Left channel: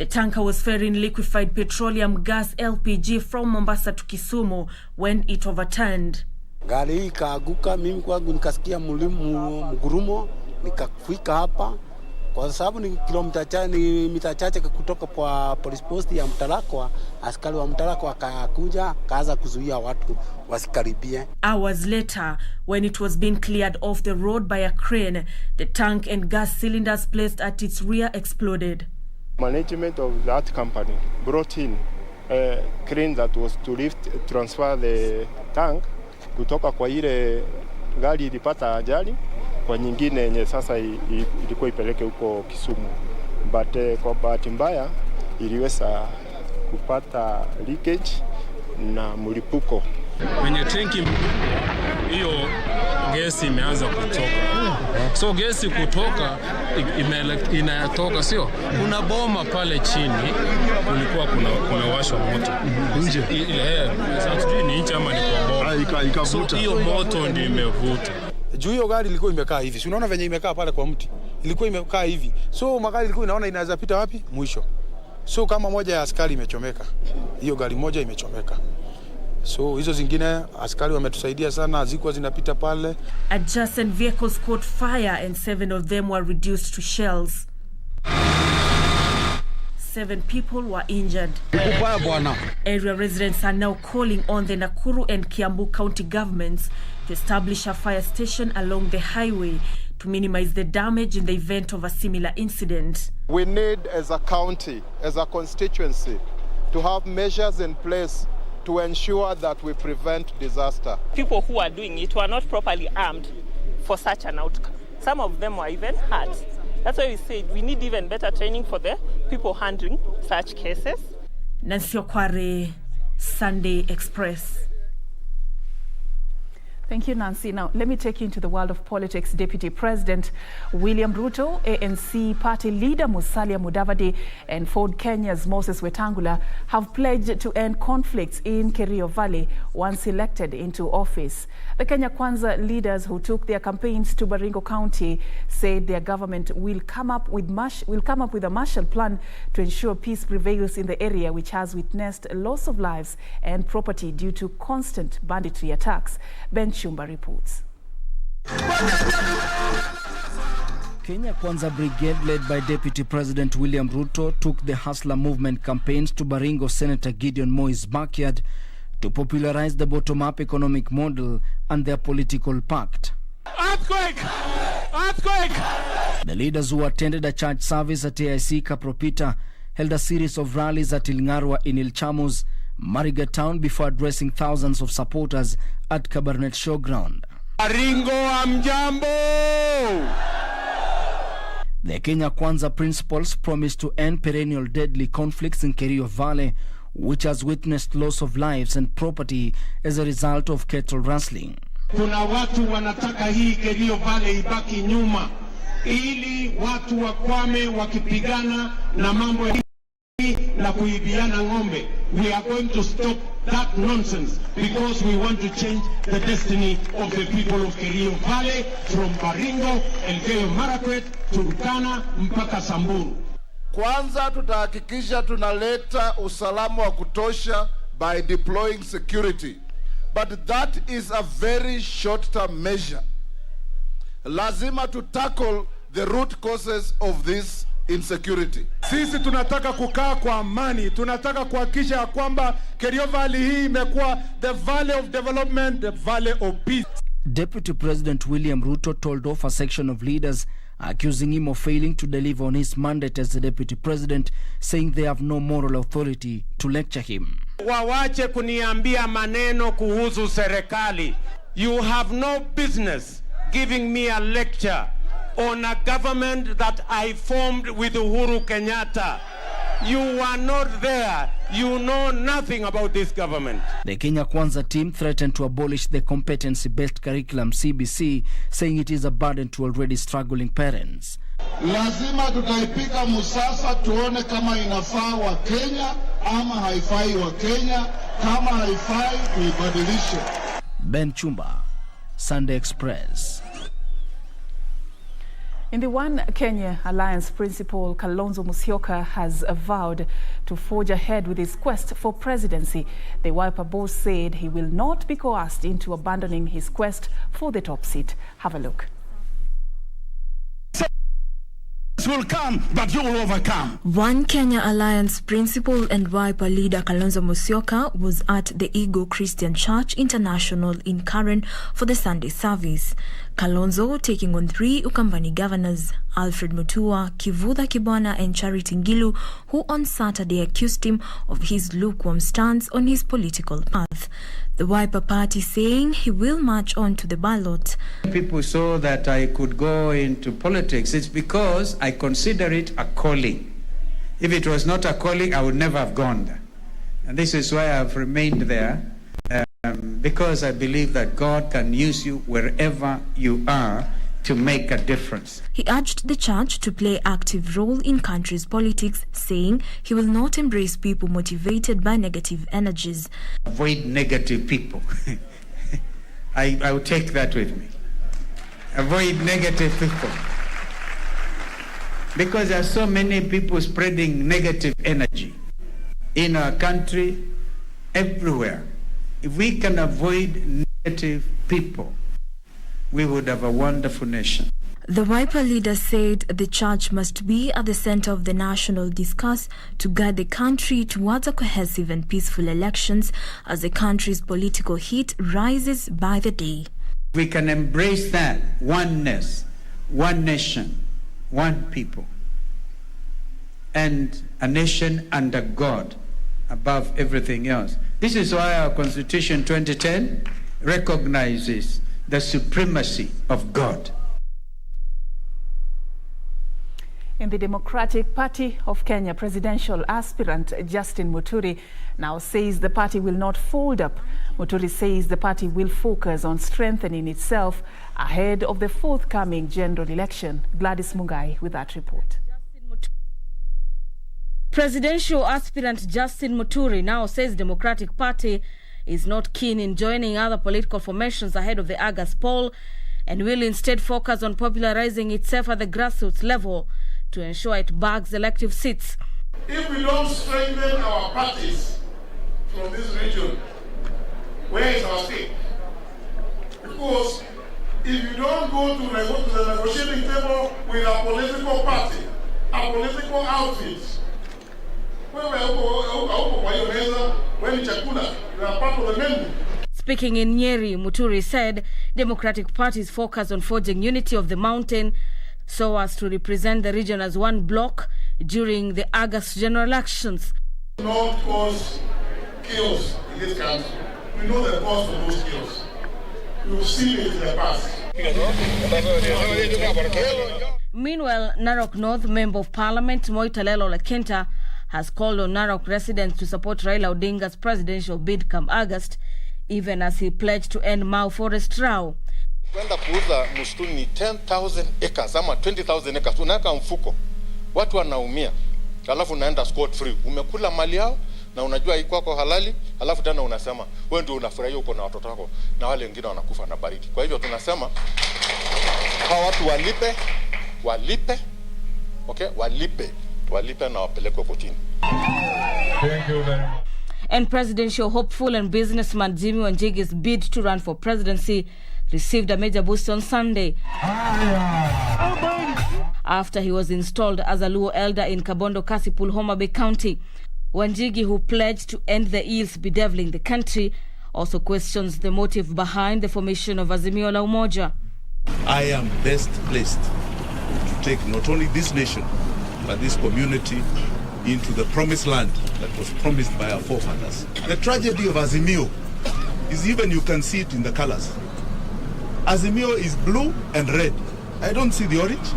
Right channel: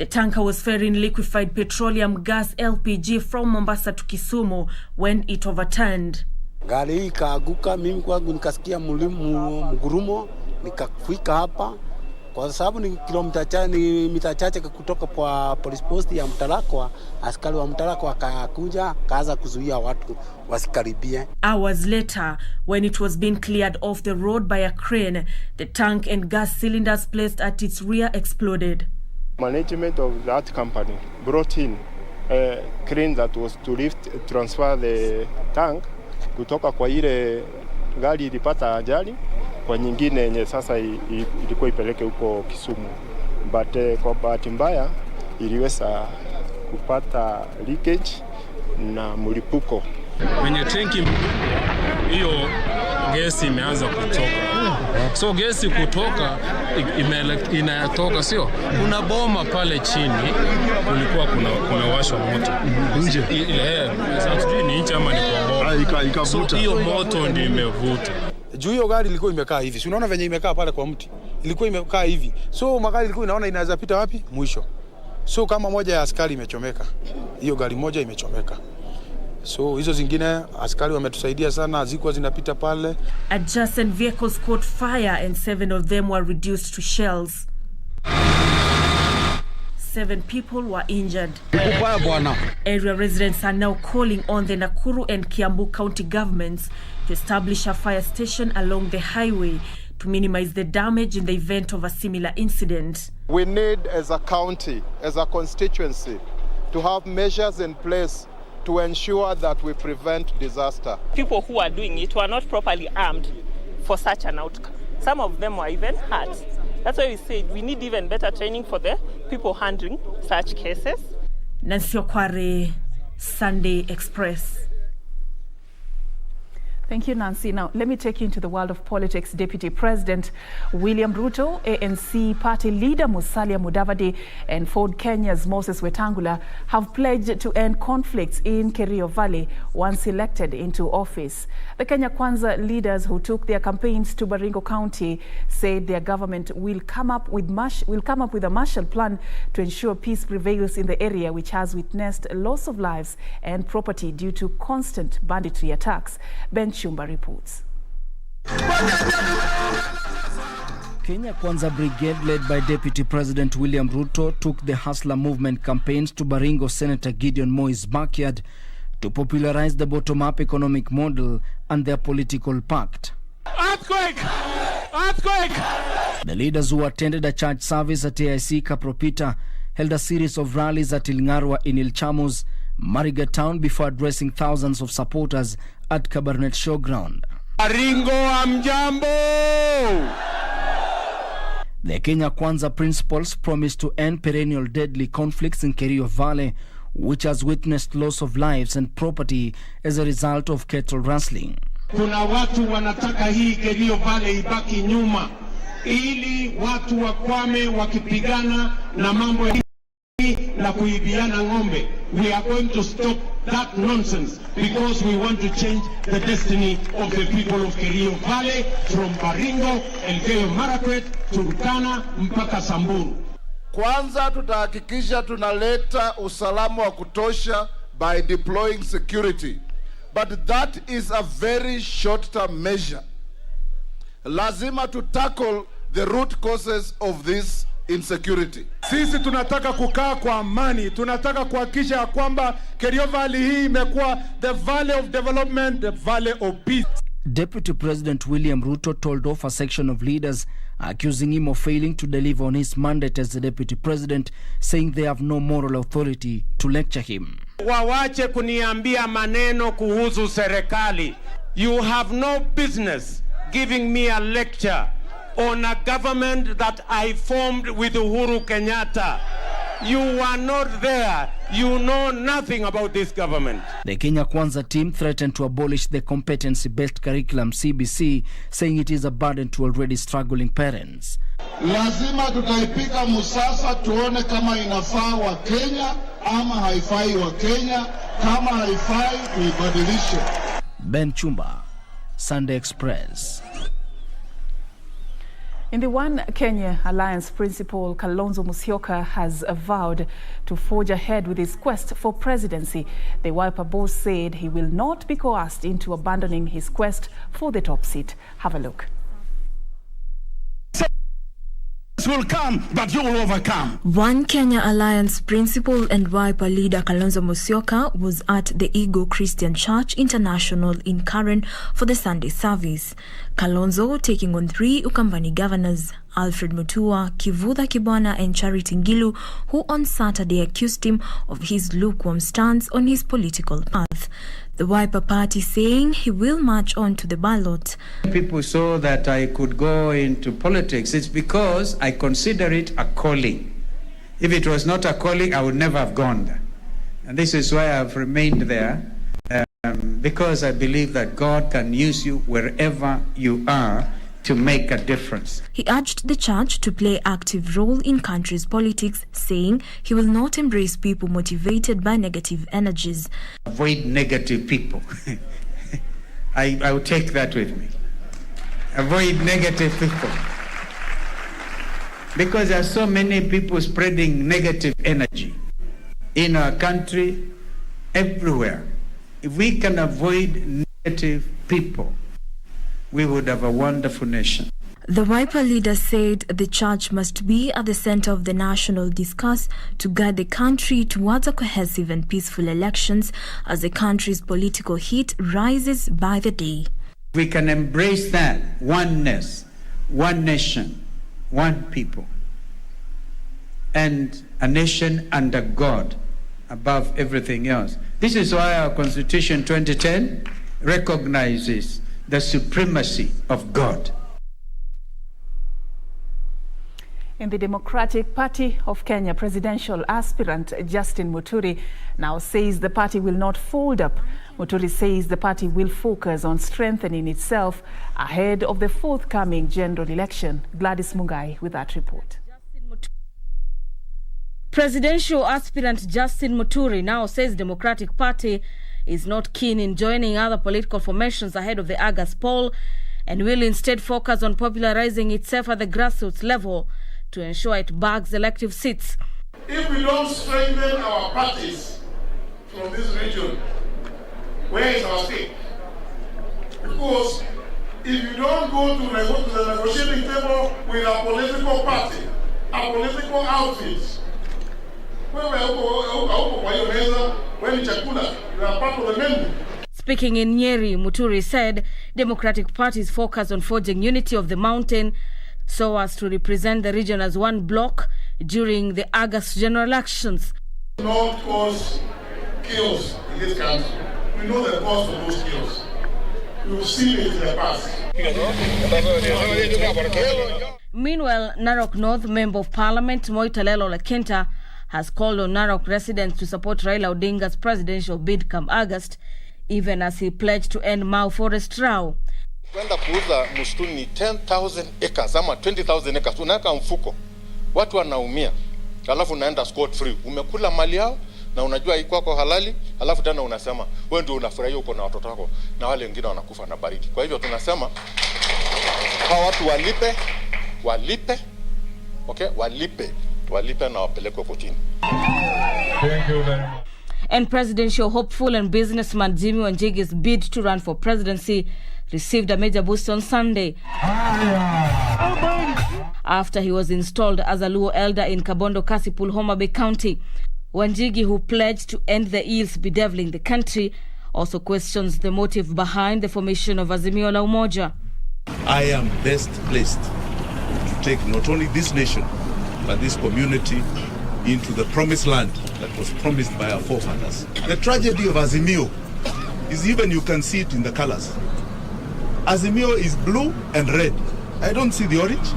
The tanker was ferrying liquefied petroleum gas LPG from Mombasa to Kisumu when it overturned. Gari hii ikaaguka, mimi kwangu nikasikia mgurumo, nikafika hapa kwa sababu ni mita chache kutoka kwa police post ya Mtarakwa. Askari wa Mtarakwa akakuja kaanza kuzuia watu wasikaribie. Hours later, when it was being cleared off the road by a crane, the tank and gas cylinders placed at its rear exploded. Management of that company brought in a crane that was to transfer the tank kutoka kwa ile gari ilipata ajali kwa nyingine yenye sasa ilikuwa ipeleke huko Kisumu, but kwa bahati mbaya iliweza kupata leakage na mlipuko. Kwenye tanki hiyo gesi imeanza kutoka. So gesi kutoka inatoka, sio? Kuna boma pale chini, kulikuwa kumewashwa moto. Nje. Ile sasa ni nje ama ni kwa boma. Ikavuta. So hiyo moto ndio imevuta. Juu hiyo gari ilikuwa imekaa hivi. Si unaona venye imekaa pale kwa mti. Ilikuwa imekaa hivi. So magari ilikuwa inaona inaweza pita wapi? Mwisho. So kama moja ya askari imechomeka. Hiyo gari moja imechomeka. So hizo zingine askari wametusaidia sana, hazikuwa zinapita pale. Adjacent vehicles caught fire and 7 of them were reduced to shells. 7 people were injured. Area residents are now calling on the Nakuru and Kiambu county governments to establish a fire station along the highway to minimize the damage in the event of a similar incident. We need, as a county, as a constituency, to have measures in place to ensure that we prevent disaster. People who are doing it were not properly armed for such an outcome. Some of them were even hurt. That's why we said we need even better training for the people handling such cases. Nancy Okware, Sunday Express. Thank you, Nancy. Now, let me take you into the world of politics. Deputy President William Ruto, ANC party leader Musalia Mudavadi, and Ford Kenya's Moses Wetangula have pledged to end conflicts in Kerio Valley once elected into office. The Kenya Kwanza leaders who took their campaigns to Baringo County said their government will come up with a Marshall Plan to ensure peace prevails in the area, which has witnessed loss of lives and property due to constant banditry attacks. Ben Chumba reports. Kenya Kwanza Brigade, led by Deputy President William Ruto, took the Hustler Movement campaigns to Baringo Senator Gideon Moi's backyard to popularize the bottom-up economic model and their political pact. Earthquake! Earthquake! The leaders, who attended a church service at AIC Kapropita, held a series of rallies at Ilngarwa in Ilchamus, Mariga town, before addressing thousands of supporters at Kabarnet Showground. Baringo amjambo! The Kenya Kwanza principles promised to end perennial deadly conflicts in Kerio Valley, which has witnessed loss of lives and property as a result of cattle rustling. Kuna watu wanataka hii Kerio Valley ibaki nyuma ili watu wakwame wakipigana na mambo ya na kuibiana ng'ombe. We are going to stop that nonsense because we want to change the destiny of the people of Kerio Valley from Baringo, Elgeyo Marakwet, Turkana mpaka Samburu. Kwanza tutahakikisha tunaleta usalama wa kutosha by deploying security. But that is a very short-term measure. Lazima to tackle the root causes of this insecurity. Sisi tunataka kukaa kwa amani, tunataka kuhakikisha ya kwamba Kerio Valley hii imekuwa the valley of development, the valley of peace. Deputy President William Ruto told off a section of leaders accusing him of failing to deliver on his mandate as the Deputy President, saying they have no moral authority to lecture him. Wawache kuniambia maneno kuhusu serikali. You have no business giving me a lecture on a government that I formed with Uhuru Kenyatta. You were not there. You know nothing about this government. The Kenya Kwanza team threatened to abolish the competency-based curriculum CBC, saying it is a burden to already struggling parents. Lazima tutaipika musasa tuone kama inafaa wa Kenya ama haifai wa Kenya. Kama haifai tuibadilishe. Ben Chumba, Sunday Express. In the One Kenya Alliance principal, Kalonzo Musyoka has vowed to forge ahead with his quest for presidency. The Wiper boss said he will not be coerced into abandoning his quest for the top seat. Have a look. Will come, but you will overcome. One Kenya Alliance principal and Wiper leader Kalonzo Musyoka was at the Ego Christian Church International in Karen for the Sunday service. Kalonzo taking on 3 Ukambani governors, Alfred Mutua, Kivutha Kibwana and Charity Ngilu, who on Saturday accused him of his lukewarm stance on his political path. The Wiper party saying he will march on to the ballot. People saw that I could go into politics. It's because I consider it a calling. If it was not a calling, I would never have gone there. And this is why I've remained there, because I believe that God can use you wherever you are to make a difference. He urged the church to play active role in country's politics, saying he will not embrace people motivated by negative energies. Avoid negative people. I will take that with me. Avoid negative people. Because there are so many people spreading negative energy in our country, everywhere. If we can avoid negative people, we would have a wonderful nation. The Wiper leader said the church must be at the center of the national discourse to guide the country towards a cohesive and peaceful elections as the country's political heat rises by the day. We can embrace that oneness, one nation, one people, and a nation under God above everything else. This is why our Constitution 2010 recognizes the supremacy of God. In the Democratic Party of Kenya, presidential aspirant Justin Muturi now says the party will not fold up. Muturi says the party will focus on strengthening itself ahead of the forthcoming general election. Gladys Wanga with that report. Presidential aspirant Justin Muturi now says Democratic Party is not keen in joining other political formations ahead of the August poll and will instead focus on popularizing itself at the grassroots level to ensure it bags elective seats. If we don't strengthen our parties from this region, where is our stake? Because if you don't go to the negotiating table with a political party, a political outfit, Speaking in Nyeri, Muturi said Democratic Party's focus on forging unity of the mountain so as to represent the region as one bloc during the August general elections. Not cause chaos in this country. We know the cause of those chaos. We've seen it in the past. Meanwhile, Narok North Member of Parliament Moitalelo Lekenta has called on Narok residents to support Raila Odinga's presidential bid come August, even as he pledged to end Mau Forest Row. Kwenda kuuza msituni ni 10,000 acres ama 20,000 acres, unaweka mfuko, watu wanaumia, alafu unaenda scot free, umekula mali yao na unajua iko kwa halali, alafu tena unasema wewe ndio unafurahia uko na watoto wako na wale wengine wanakufa na baridi. Kwa hivyo tunasema hawa watu walipe, okay, walipe na wapelekwe kotini. And presidential hopeful and businessman Jimmy Wanjigi's bid to run for presidency received a major boost on Sunday after he was installed as a Luo elder in Kabondo Kasipul, Homa Bay County. Wanjigi, who pledged to end the ills bedeviling the country, also questions the motive behind the formation of Azimio La Umoja. I am best placed to take not only this nation but this community into the promised land that was promised by our forefathers. The tragedy of Azimio is even you can see it in the colors. Azimio is blue and red. I don't see the orange.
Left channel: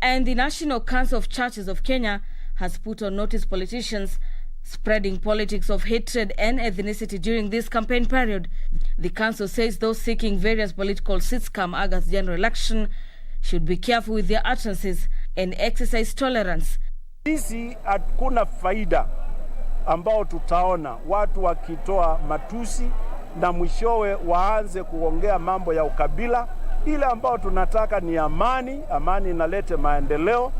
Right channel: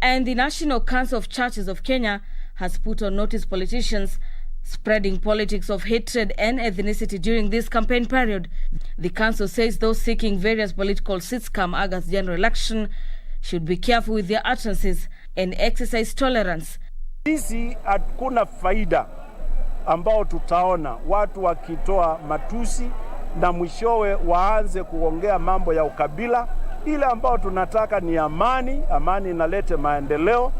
And the National Council of Churches of Kenya has put on notice politicians spreading politics of hatred and ethnicity during this campaign period. The council says those seeking various political seats come August general election should be careful with their utterances and exercise tolerance. Sisi hakuna faida ambao tutaona watu wakitoa matusi na mwishowe waanze kuongea mambo ya ukabila Ile ambao tunataka ni amani, amani inalete maendeleo.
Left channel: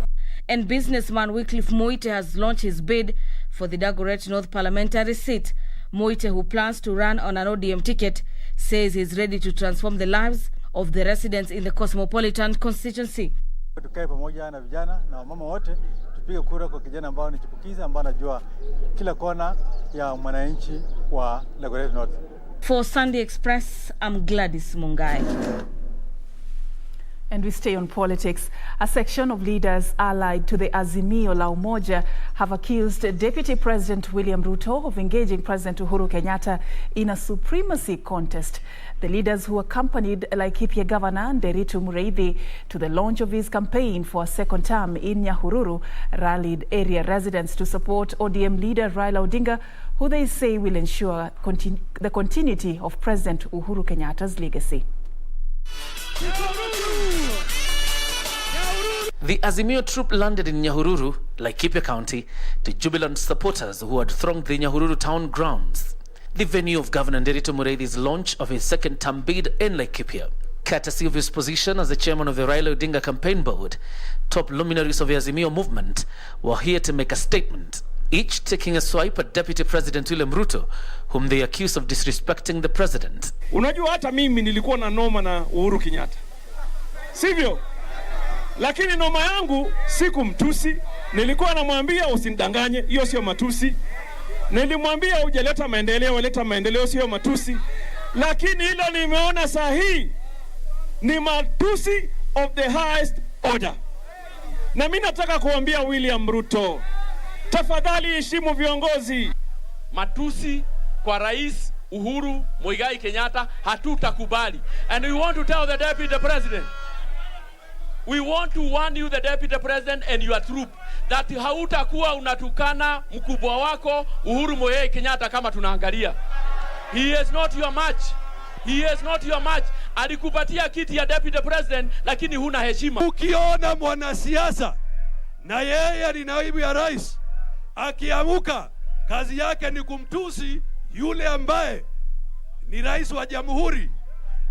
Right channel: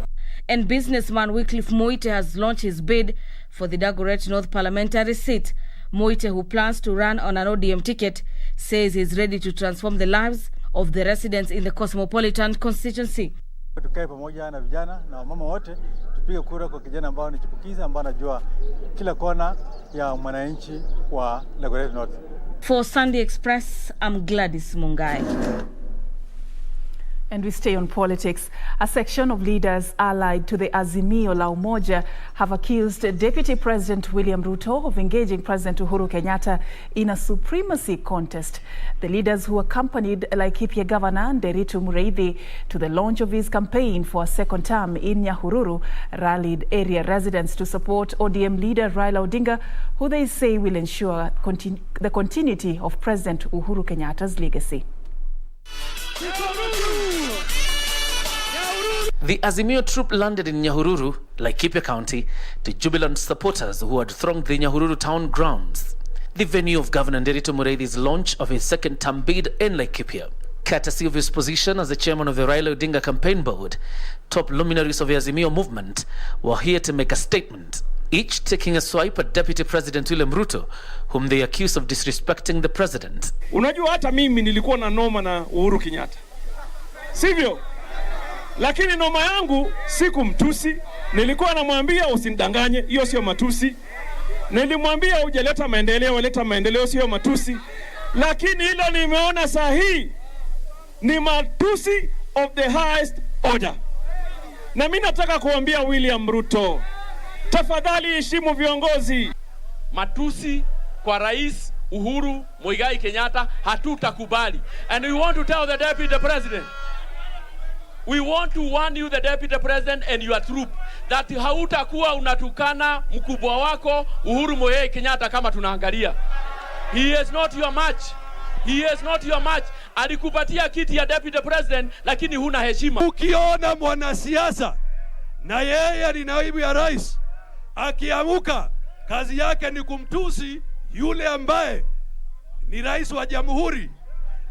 And businessman Wycliffe Moite has launched his bid for the Dagoretti North parliamentary seat. Moite, who plans to run on an ODM ticket, says he's ready to transform the lives of the residents in the cosmopolitan constituency. Tukae pamoja na vijana na wamama wote tupige kura kwa kijana ambao ni chipukizi ambao anajua kila kona ya mwananchi wa Dagoretti North. For Sunday Express, I'm Gladys Wanga. And we stay on politics. A section of leaders allied to the Azimio La Umoja have accused Deputy President William Ruto of engaging President Uhuru Kenyatta in a supremacy contest. The leaders, who accompanied Laikipia Governor Nderitu Mureithi to the launch of his campaign for a second term in Nyahururu, rallied area residents to support ODM leader Raila Odinga, who they say will ensure the continuity of President Uhuru Kenyatta's legacy. The Azimio troop landed in Nyahururu, Laikipia County, to jubilant supporters who had thronged the Nyahururu town grounds, the venue of Governor Nderitu Mureithi's launch of his second-term bid in Laikipia. Courtesy of his position as the chairman of the Raila Odinga campaign board, top luminaries of the Azimio movement were here to make a statement, each taking a swipe at Deputy President William Ruto, whom they accuse of disrespecting the president. Unajua hata mimi nilikuwa na noma na Uhuru Kenyatta, sivyo? Lakini noma yangu siku mtusi, nilikuwa namwambia usinidanganye, hiyo sio matusi. Nilimwambia hujaleta maendeleo, leta maendeleo, sio matusi. Lakini hilo nimeona saa hii ni matusi of the highest order. Na mimi nataka kuambia William Ruto, tafadhali heshimu viongozi. Matusi kwa Rais Uhuru Muigai Kenyatta hatutakubali. And we want to tell the Deputy President, we want to warn you, the Deputy President and your troop, that hautakuwa unatukana mkubwa wako Uhuru Muigai Kenyatta kama tunaangalia. He is not your match. He is not your match. Alikupatia kiti ya Deputy President lakini huna heshima. Ukiona mwanasiasa na yeye ni naibu ya rais akiamuka, kazi yake ni kumtusi yule ambaye ni rais wa jamhuri.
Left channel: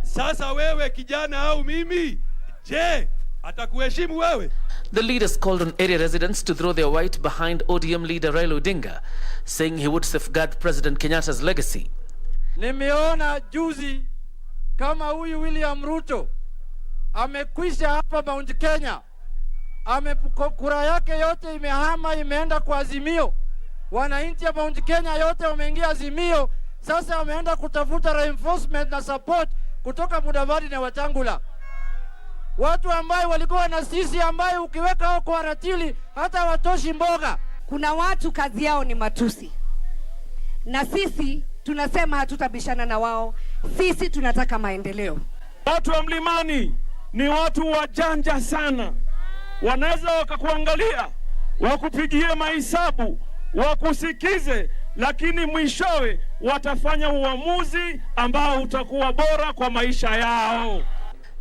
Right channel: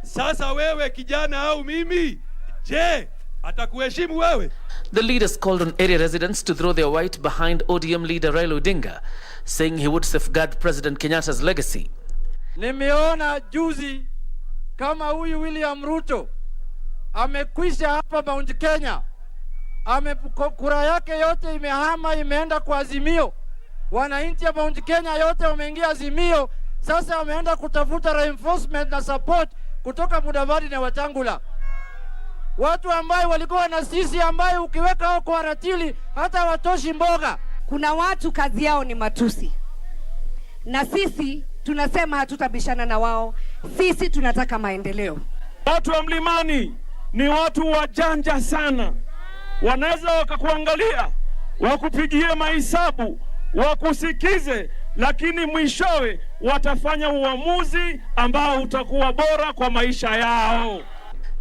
Sasa wewe kijana au mimi, je, atakuheshimu wewe? The leaders called on area residents to throw their weight behind ODM leader Raila Odinga, saying he would safeguard President Kenyatta's legacy. Nimeona juzi kama huyu William Ruto amekwisha hapa Mount Kenya, kura yake yote imehama, imeenda kwa Azimio. Wananchi wa Mount Kenya yote wameingia Azimio. Sasa wameenda kutafuta reinforcement na support kutoka Mudavadi na Wetangula, watu ambao walikuwa na sisi, ambao ukiweka hao kwa ratili hata watoshi mboga. Kuna watu kazi yao ni matusi, na sisi tunasema hatutabishana na wao. Sisi tunataka maendeleo. Watu wa mlimani ni watu wajanja sana, wanaweza wakakuangalia, wakupigie mahesabu, wakusikize, lakini mwishowe watafanya uamuzi ambao utakuwa bora kwa maisha yao.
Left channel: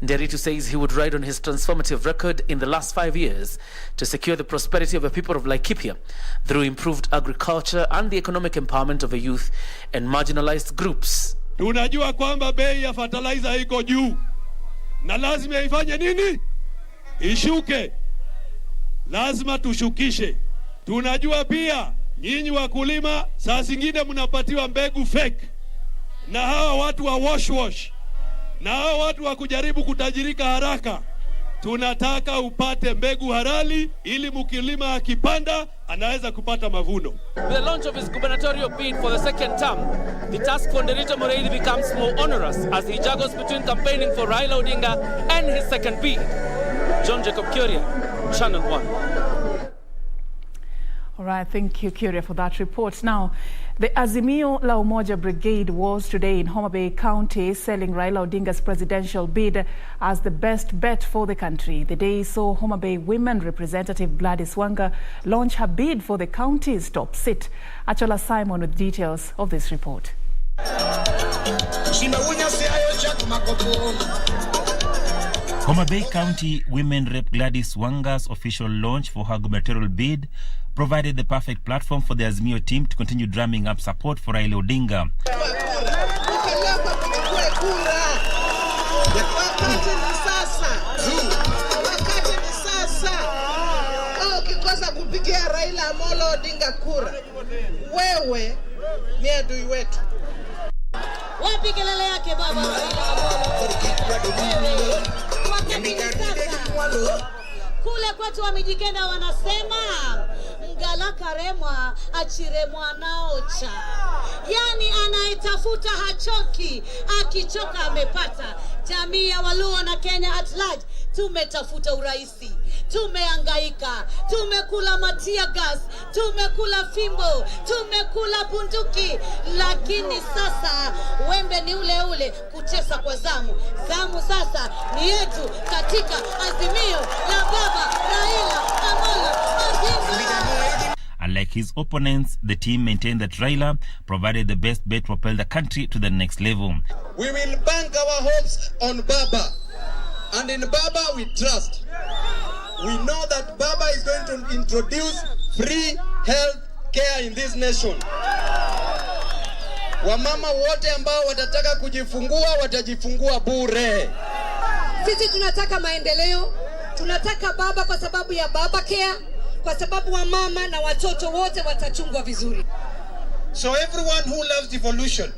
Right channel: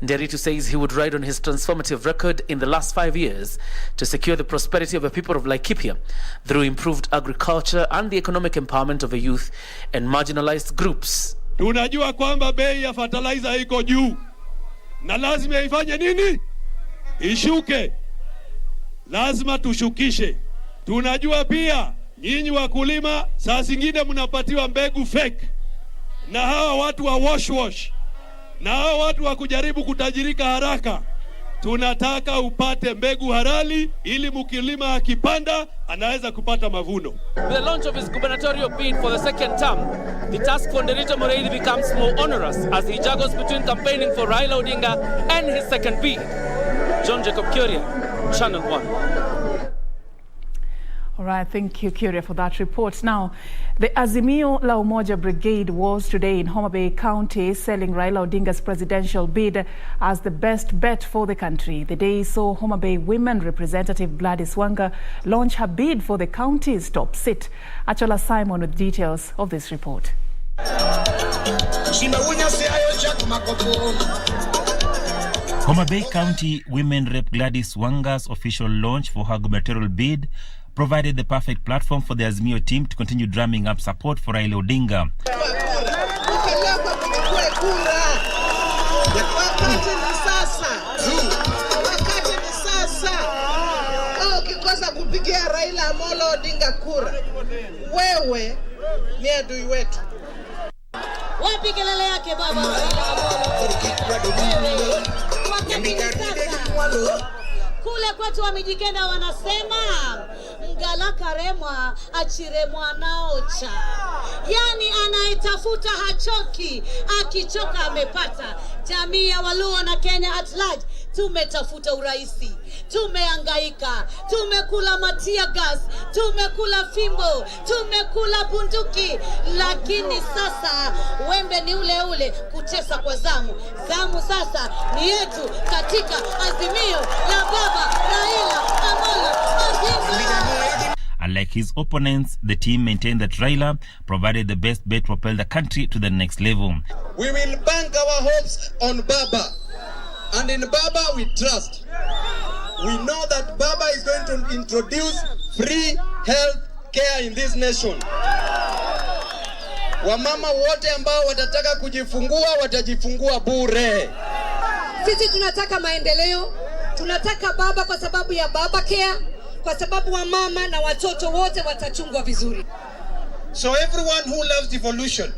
Nderitu says he would ride on his transformative record in the last 5 years to secure the prosperity of the people of Laikipia through improved agriculture and the economic empowerment of the youth and marginalized groups. Tunajua kwamba bei ya fertilizer iko juu na lazima ifanye nini? Ishuke. Lazima tushukishe. Tunajua pia nyinyi wakulima saa zingine mnapatiwa mbegu fake na hawa watu wa wash na hawa watu wa kujaribu kutajirika haraka. Tunataka upate mbegu halali ili mkulima akipanda anaweza kupata mavuno. With the launch of his gubernatorial bid for the second term, the task for Nderitu Mureithi becomes more onerous as he juggles between campaigning for Raila Odinga and his second bid. John Jacob Kuria, Channel 1. All right, thank you, Kuria, for that report. Now, the Azimio La Umoja Brigade was today in Homa Bay County selling Raila Odinga's presidential bid as the best bet for the country. The day saw Homa Bay Women Representative Gladys Wanga launch her bid for the county's top seat. Achola Simon with details of this report. Homa Bay County Women Rep Gladys Wanga's official launch for her gubernatorial bid provided the perfect platform for the Azimio team to continue drumming up support for Raila Odinga. Wakati ni sasa. Ukikosa kupigia Raila Amolo Odinga kura, wewe ni adui wetu. Wapi kelele yake baba Raila Amolo? Wakati ni sasa. Kule kwetu Wamijikenda wanasema mgala karemwa achiremwa naocha. Yani anayetafuta hachoki, akichoka amepata. Jamii ya Waluo na Kenya at large tumetafuta uraisi, tumehangaika, tumekula matia gas, tumekula fimbo, tumekula bunduki, lakini sasa wembe ni ule ule, kutesa kwa zamu. Zamu sasa ni yetu katika Azimio la Baba Raila Amolo Odinga. Unlike his opponents, the team maintained that Raila provided the best bet to propel the country to the next level. We will bank our hopes on Baba, and in Baba we trust. We know that Baba is going to introduce free health care in this nation. Wamama wote ambao watataka kujifungua watajifungua bure. Sisi tunataka maendeleo, tunataka Baba kwa sababu ya Baba Care, kwa sababu wa mama na watoto wote watachungwa vizuri. So everyone who loves devolution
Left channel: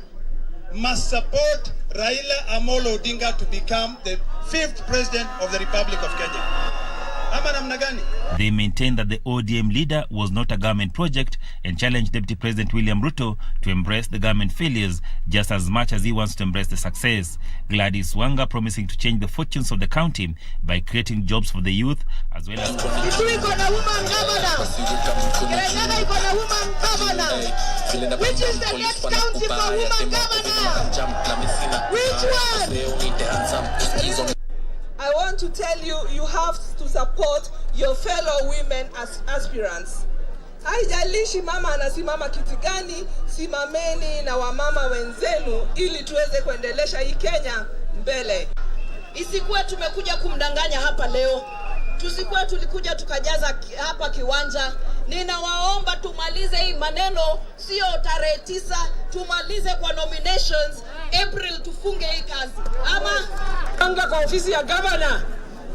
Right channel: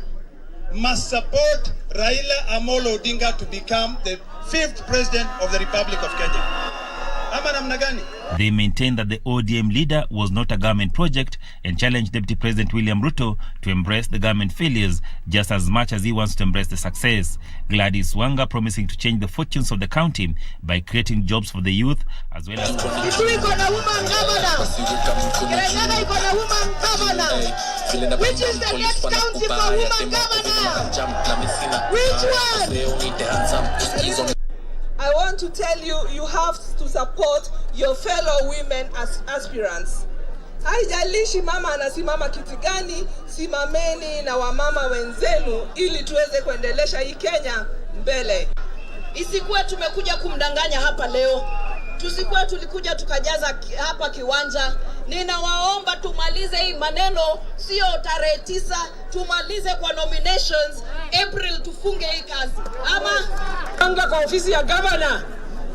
must support Raila Amolo Odinga to become the 5th president of the Republic of Kenya. Ama namna gani? They maintained that the ODM leader was not a government project and challenged Deputy President William Ruto to embrace the government failures just as much as he wants to embrace the success. Gladys Wanga promising to change the fortunes of the county by creating jobs for the youth as well as... Which is the next county for woman governor? Which one? I want to tell you, you have to support your fellow women as aspirants. Haijalishi mama anasimama kiti gani, simameni na wamama wenzenu ili tuweze kuendelesha hii Kenya mbele. Isikuwe tumekuja kumdanganya hapa leo. Tusikuwe tulikuja tukajaza hapa kiwanja. Ninawaomba tumalize hii maneno, sio tarehe 9, tumalize kwa nominations April, tufunge hii kazi. Ama anga kwa ofisi ya governor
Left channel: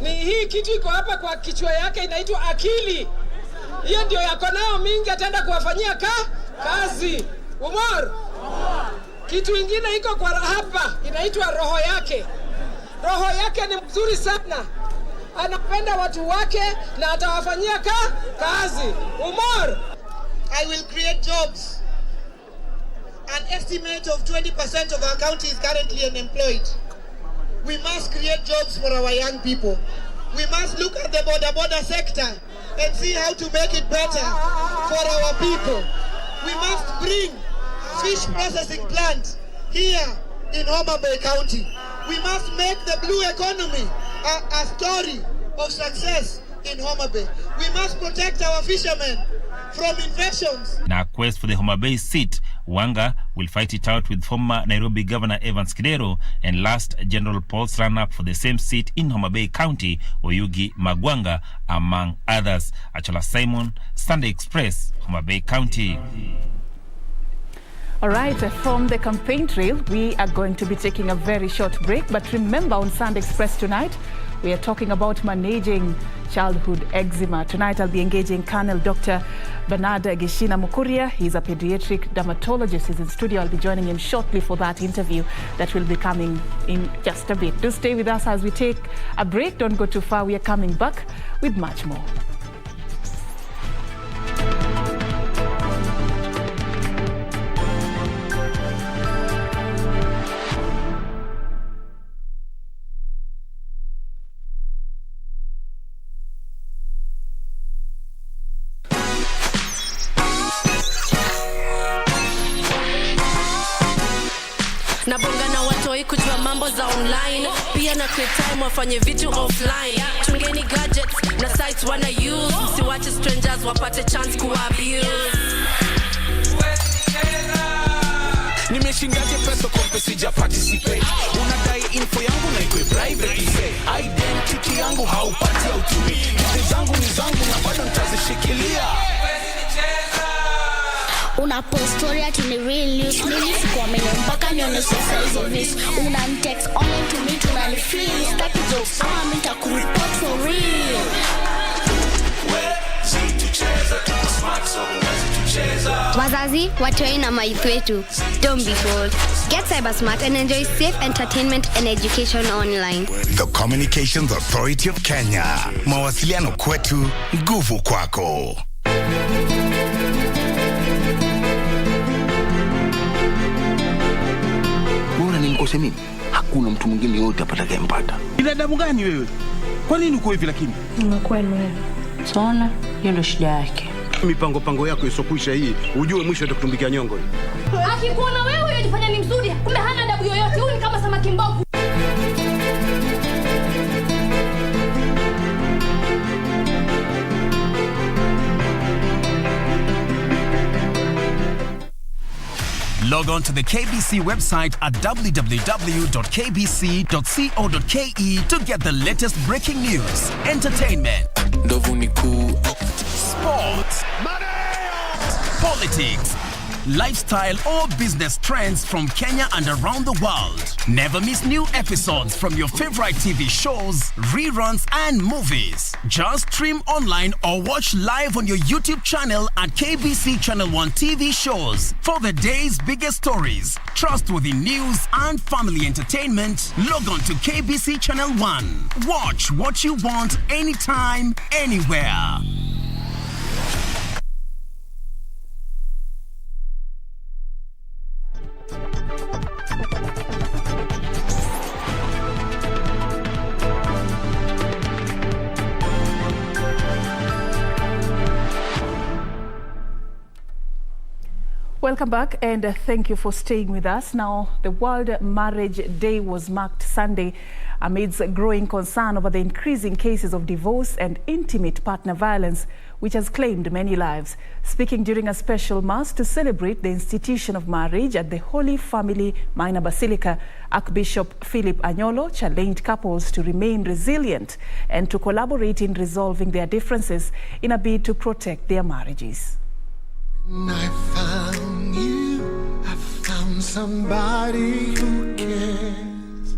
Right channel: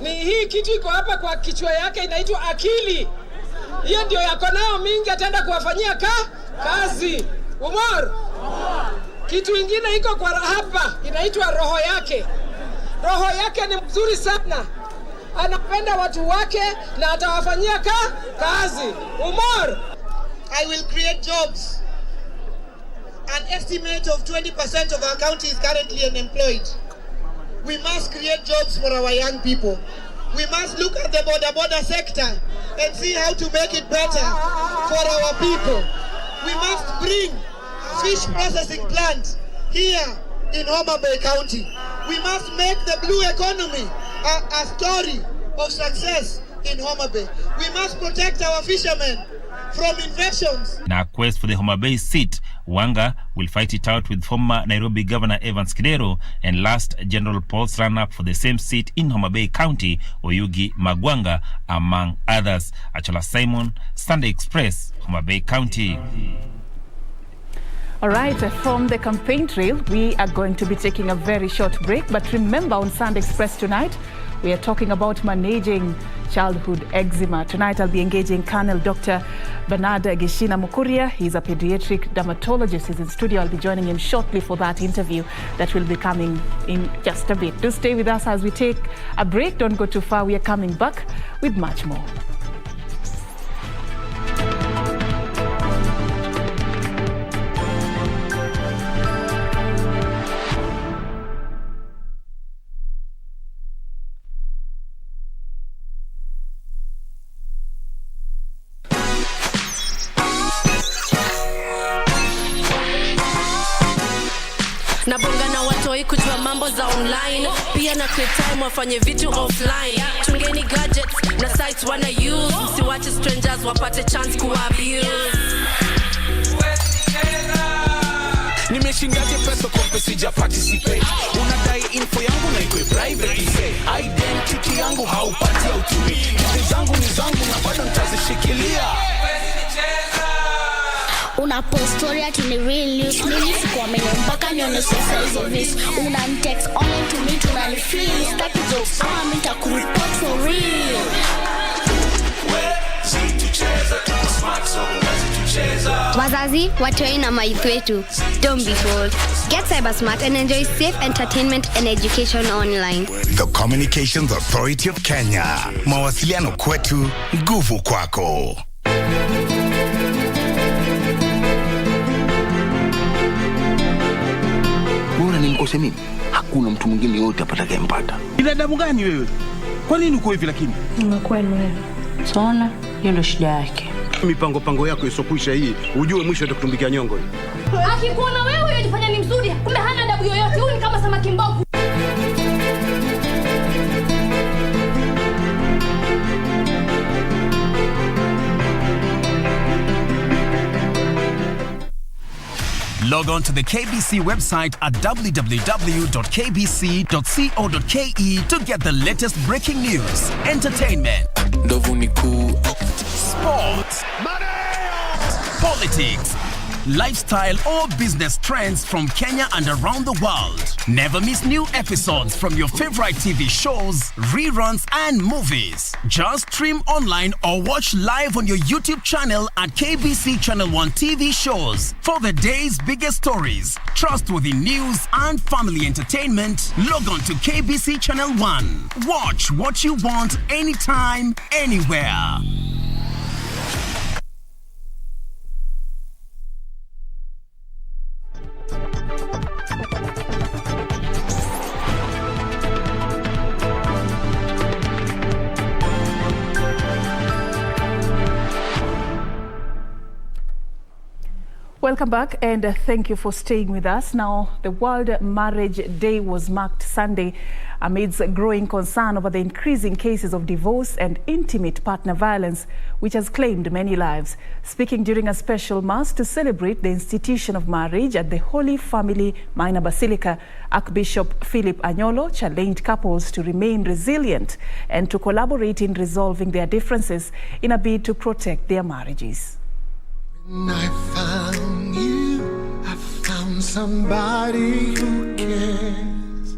ni hii kitu iko hapa kwa kichwa yake inaitwa akili. Hiyo ndio yako nayo mingi, ataenda kuwafanyia kazi. Umar. Kitu ingine iko kwa hapa inaitwa roho yake. Roho yake ni mzuri sana. Anapenda watu wake na atawafanyia kazi. Umar. I will create jobs. An estimate of 20% of our county is currently unemployed. We must create jobs for our young people. We must look at the border sector and see how to make it better for our people. We must bring fish processing plant here in Homa Bay County. We must make the blue economy a story of success in Homa Bay. We must protect our fishermen from infections. Now, quest for the Homa Bay seat, Wanga will fight it out with former Nairobi Governor Evans Kidero and last General Paul's run-up for the same seat in Homa Bay County, Oyugi Magwanga, among others. Achola Simon, Sunday Express, Homa Bay County. All right, from the campaign trail, we are going to be taking a very short break. But remember, on Sunday Express tonight, we are talking about managing childhood eczema. Tonight, I'll be engaging Colonel Dr. Bernard Gishina Mukuria. He's a pediatric dermatologist. He's in studio. I'll be joining him shortly for that interview that will be coming in just a bit. Do stay with us as we take a break. Don't go too far. We are coming back with much more. Nabonga na watoi kujua mambo za online, pia na create time wafanye vitu offline. Chungeni gadgets na sites wana use, msiwache strangers wapate chance kuabuse. Nimeshindaje pesa kompe sija participate. Unadai info yangu na ikwe private. Identity yangu haupati hautumi. Kitu zangu ni zangu na bado nitazishikilia. Una post story ati ni real news. Mimi sikuamini mpaka nione sasa hizo views. Una text online to me tunanifeel. Staki jokes kama nitakureport for real. Wazazi, watoi na maithu wetu. Don't be fooled. Get cyber smart and enjoy safe entertainment and education online. The Communications Authority of Kenya. Mawasiliano kwetu, nguvu kwako. Bora nimkose mimi. Hakuna mtu mwingine yote atakayempata. Binadamu gani wewe? Kwa nini uko hivi lakini? Unakuwa ni wewe. Saona, hiyo ndio shida yake. Mipango yako isokwisha hii, ujue mwisho atakutumbikia nyongo. Akikuona wewe unajifanya ni mzuri, kumbe hana adabu yoyote. Huyu ni kama samaki mbovu. Log on to the KBC website at www.kbc.co.ke to get the latest breaking news, entertainment, sports, politics, lifestyle or business trends from Kenya and around the world. Never miss new episodes from your favorite TV shows, reruns and movies. Just stream online or watch live on your YouTube channel at KBC Channel 1 TV shows. For the day's biggest stories, trustworthy news and family entertainment, log on to KBC Channel 1. Watch what you want anytime, anywhere. Welcome back and thank you for staying with us. Now, the World Marriage Day was marked Sunday amidst growing concern over the increasing cases of divorce and intimate partner violence, which has claimed many lives. Speaking during a special mass to celebrate the institution of marriage at the Holy Family Minor Basilica, Archbishop Philip Anyolo challenged couples to remain resilient and to collaborate in resolving their differences in a bid to protect their marriages. When I found you, I found somebody who cares.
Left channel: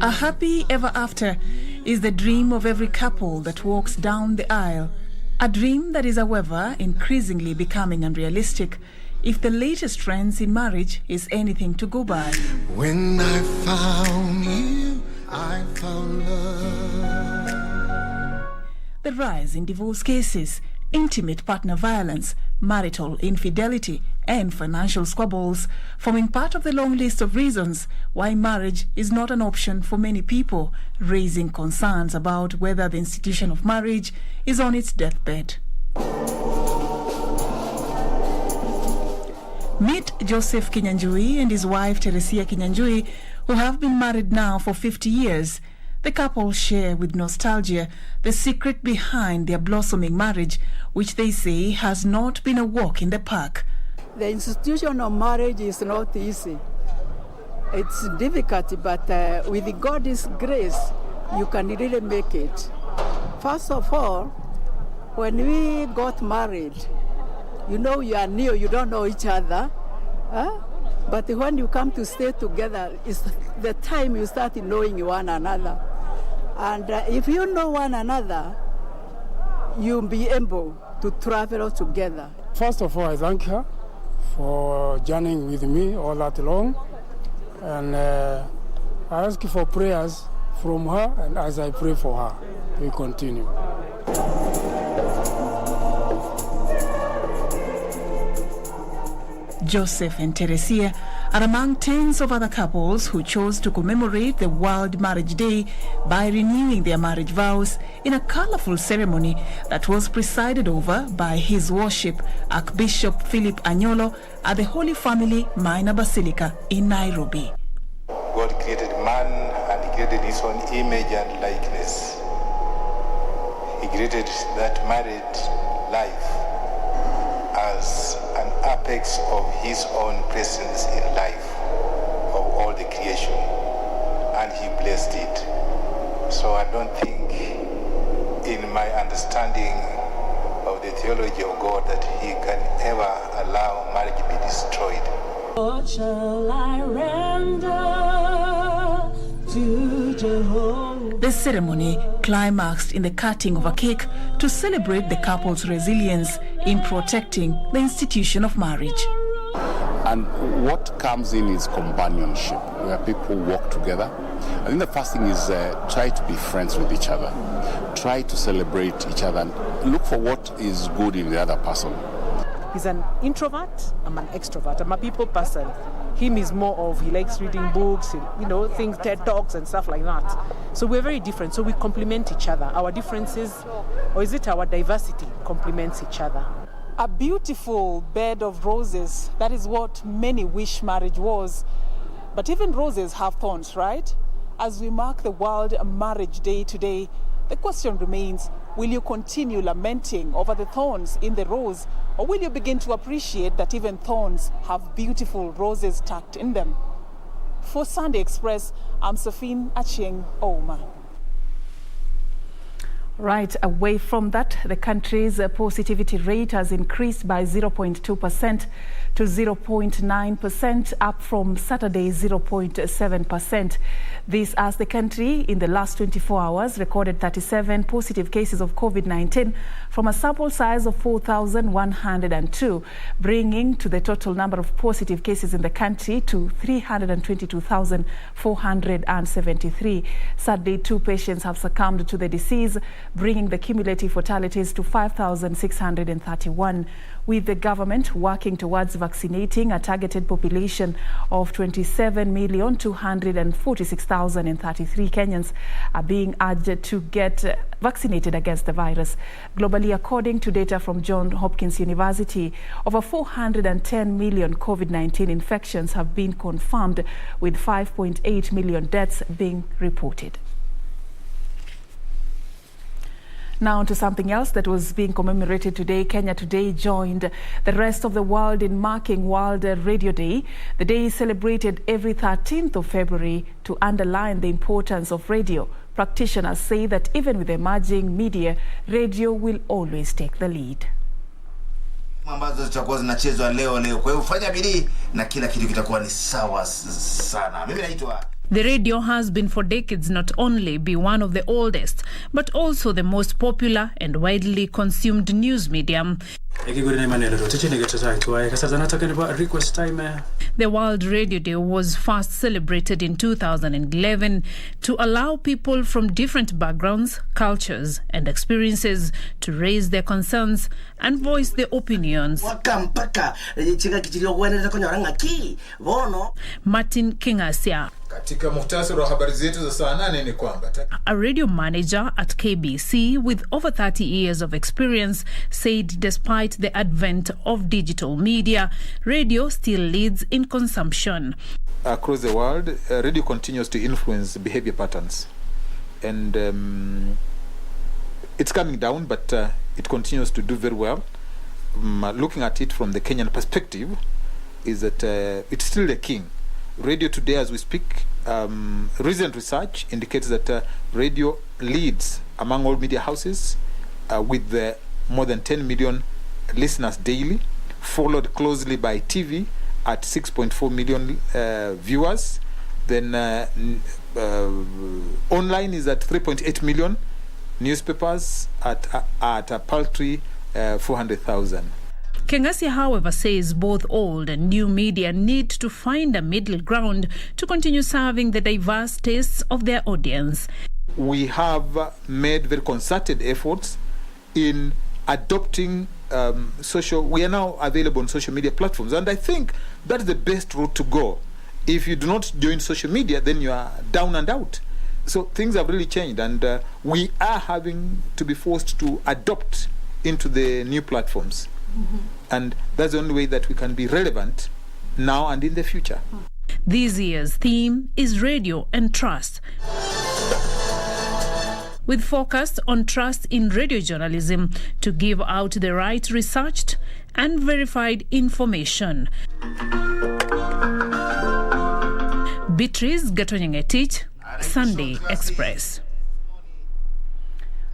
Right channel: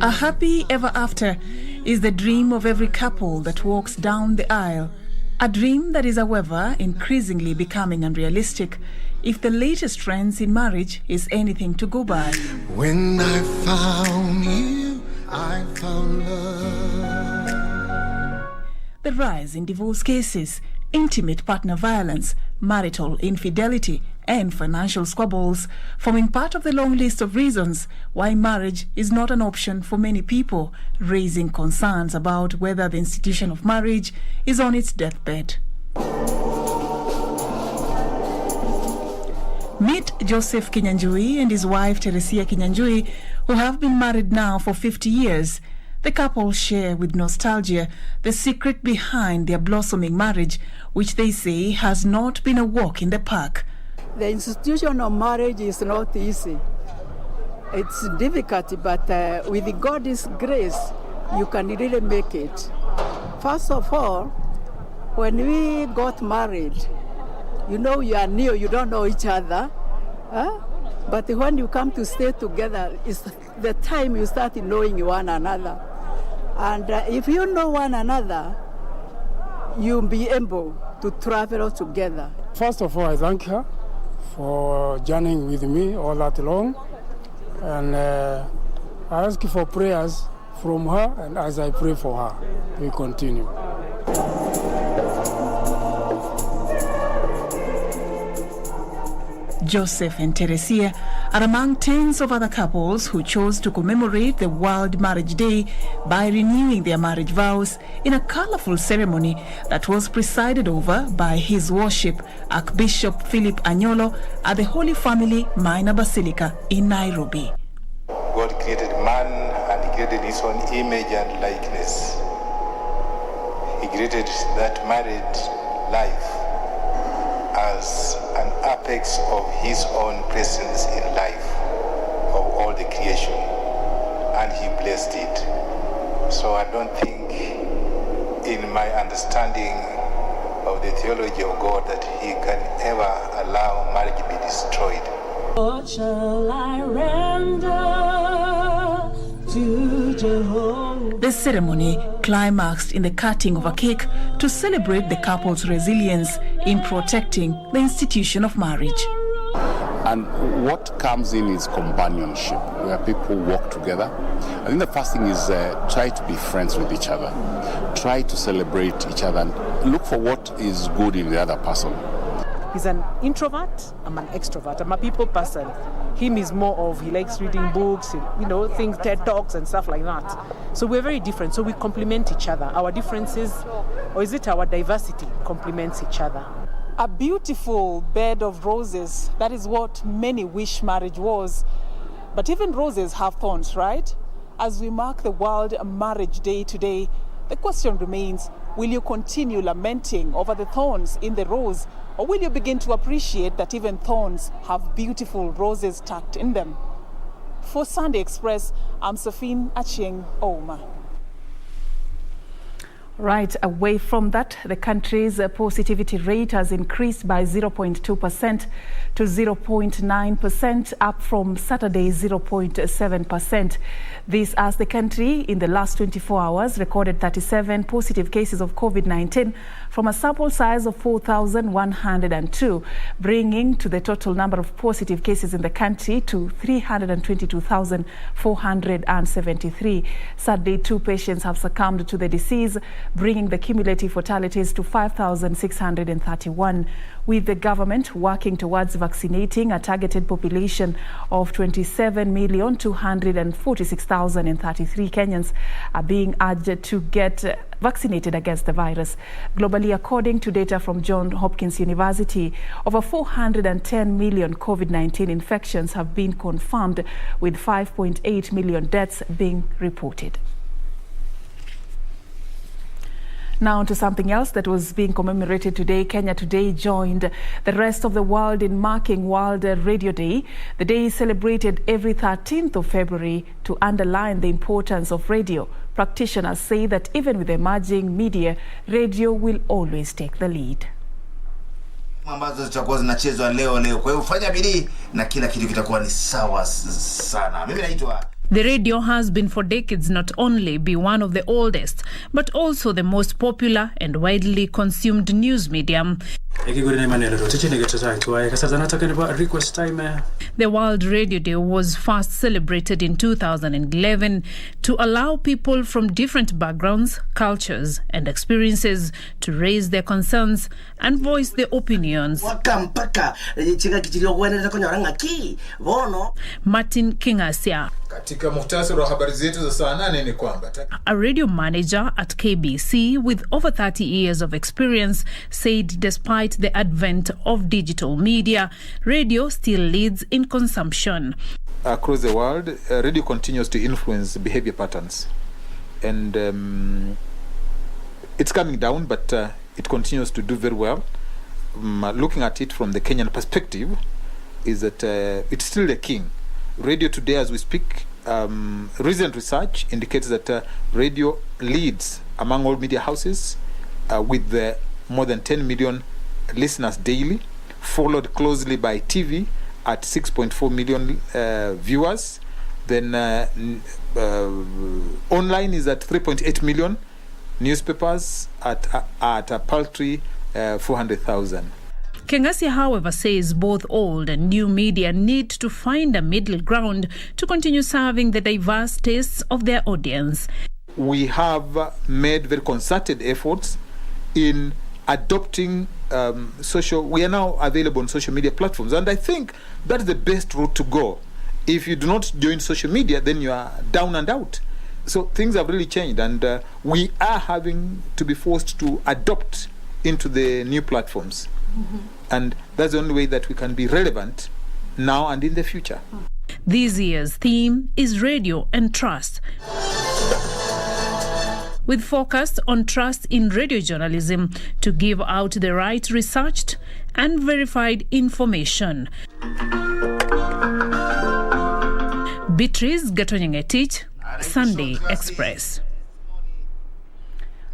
A happy ever after is the dream of every couple that walks down the aisle. A dream that is, however, increasingly becoming unrealistic if the latest trends in marriage is anything to go by. When I found you, I found love. The rise in divorce cases, intimate partner violence, marital infidelity and financial squabbles forming part of the long list of reasons why marriage is not an option for many people, raising concerns about whether the institution of marriage is on its deathbed. Meet Joseph Kinyanjui and his wife Teresia Kinyanjui, who have been married now for 50 years. The couple share with nostalgia the secret behind their blossoming marriage, which they say has not been a walk in the park. The institution of marriage is not easy. It's difficult, but with God's grace, you can really make it. First of all, when we got married, you know you are new, you don't know each other. But when you come to stay together, it's the time you start knowing one another. And if you know one another, you'll be able to travel together. First of all, I thank her for journeying with me all that long. And I ask for prayers from her, and as I pray for her, we continue. Joseph and Teresia are among tens of other couples who chose to commemorate the World Marriage Day by renewing their marriage vows in a colorful ceremony that was presided over by His Worship Archbishop Philip Anyolo at the Holy Family Minor Basilica in Nairobi. God created man and he created his own image and likeness. He created that married life as an apex of his own presence in life of all the creation, and he blessed it. So I don't think in my understanding of the theology of God that he can ever allow What shall I render to Jehovah? The ceremony climaxed in the cutting of a cake to celebrate the couple's resilience in protecting the institution of marriage. And what comes in is companionship, where people work together. I think the first thing is try to be friends with each other. Try to celebrate each other and look for what is good in the other person. He's an introvert, I'm an extrovert. I'm a people person. Him is more of, he likes reading books, things, TED Talks and stuff like that. So we're very different, so we complement each other. Our differences, or is it our diversity, complements each other. A beautiful bed of roses, that is what many wish marriage was. But even roses have thorns, right? As we mark the World Marriage Day today, the question remains, will you continue lamenting over the thorns in the rose, or will you begin to appreciate that even thorns have beautiful roses tucked in them? For Sunday Express, I'm Serfine, achieng, ouma. Right, away from that, the country's positivity rate has increased by 0.2% to 0.9%, up from Saturday's 0.7%. This as the country in the last 24 hours recorded 37 positive cases of COVID-19 from a sample size of 4,102, bringing to the total number of positive cases in the country to 322,473. Sadly, 2 patients have succumbed to the disease, bringing the cumulative fatalities to 5,631. With the government working towards vaccinating a targeted population of 27,246,033 Kenyans are being urged to get vaccinated against the virus. Globally, according to data from Johns Hopkins University, over 410 million COVID-19 infections have been confirmed, with 5.8 million deaths being reported. Now to something else that was being commemorated today. Kenya today joined the rest of the world in marking World Radio Day. The day is celebrated every 13th of February to underline the importance of radio. Practitioners say that even with emerging media, radio will always take the lead. Ambazo zitakuwa zinachezwa leo. Kwa hiyo fanya bidii na kila kitu kitakuwa ni sawa sana. Mimi naitwa The radio has been for decades not only be one of the oldest, but also the most popular and widely consumed news medium. The World Radio Day was first celebrated in 2011 to allow people from different backgrounds, cultures and experiences to raise their concerns and voice their opinions. Martin Kingasia, a radio manager at KBC with over 30 years of experience, said despite the advent of digital media, radio still leads in consumption. Across the world, radio continues to influence behavior patterns. And it's coming down, but it continues to do very well. Looking at it from the Kenyan perspective, is that it's still the king. Radio today, as we speak, recent research indicates that radio leads among all media houses with more than 10 million listeners daily, followed closely by TV at 6.4 million viewers. Then online is at 3.8 million, newspapers at a paltry 400,000. Kengasi, however, says both old and new media need to find a middle ground to continue serving the diverse tastes of their audience. We have made very concerted efforts in adopting we are now available on social media platforms, and I think that's the best route to go. If you do not join social media, then you are down and out. So things have really changed, and we are having to be forced to adopt into the new platforms. And that's the only way that we can be relevant now and in the future. This year's theme is radio and trust, with focus on trust in radio journalism to give out the right researched and verified information. Beatrice Gatonyengetich, Sunday Express.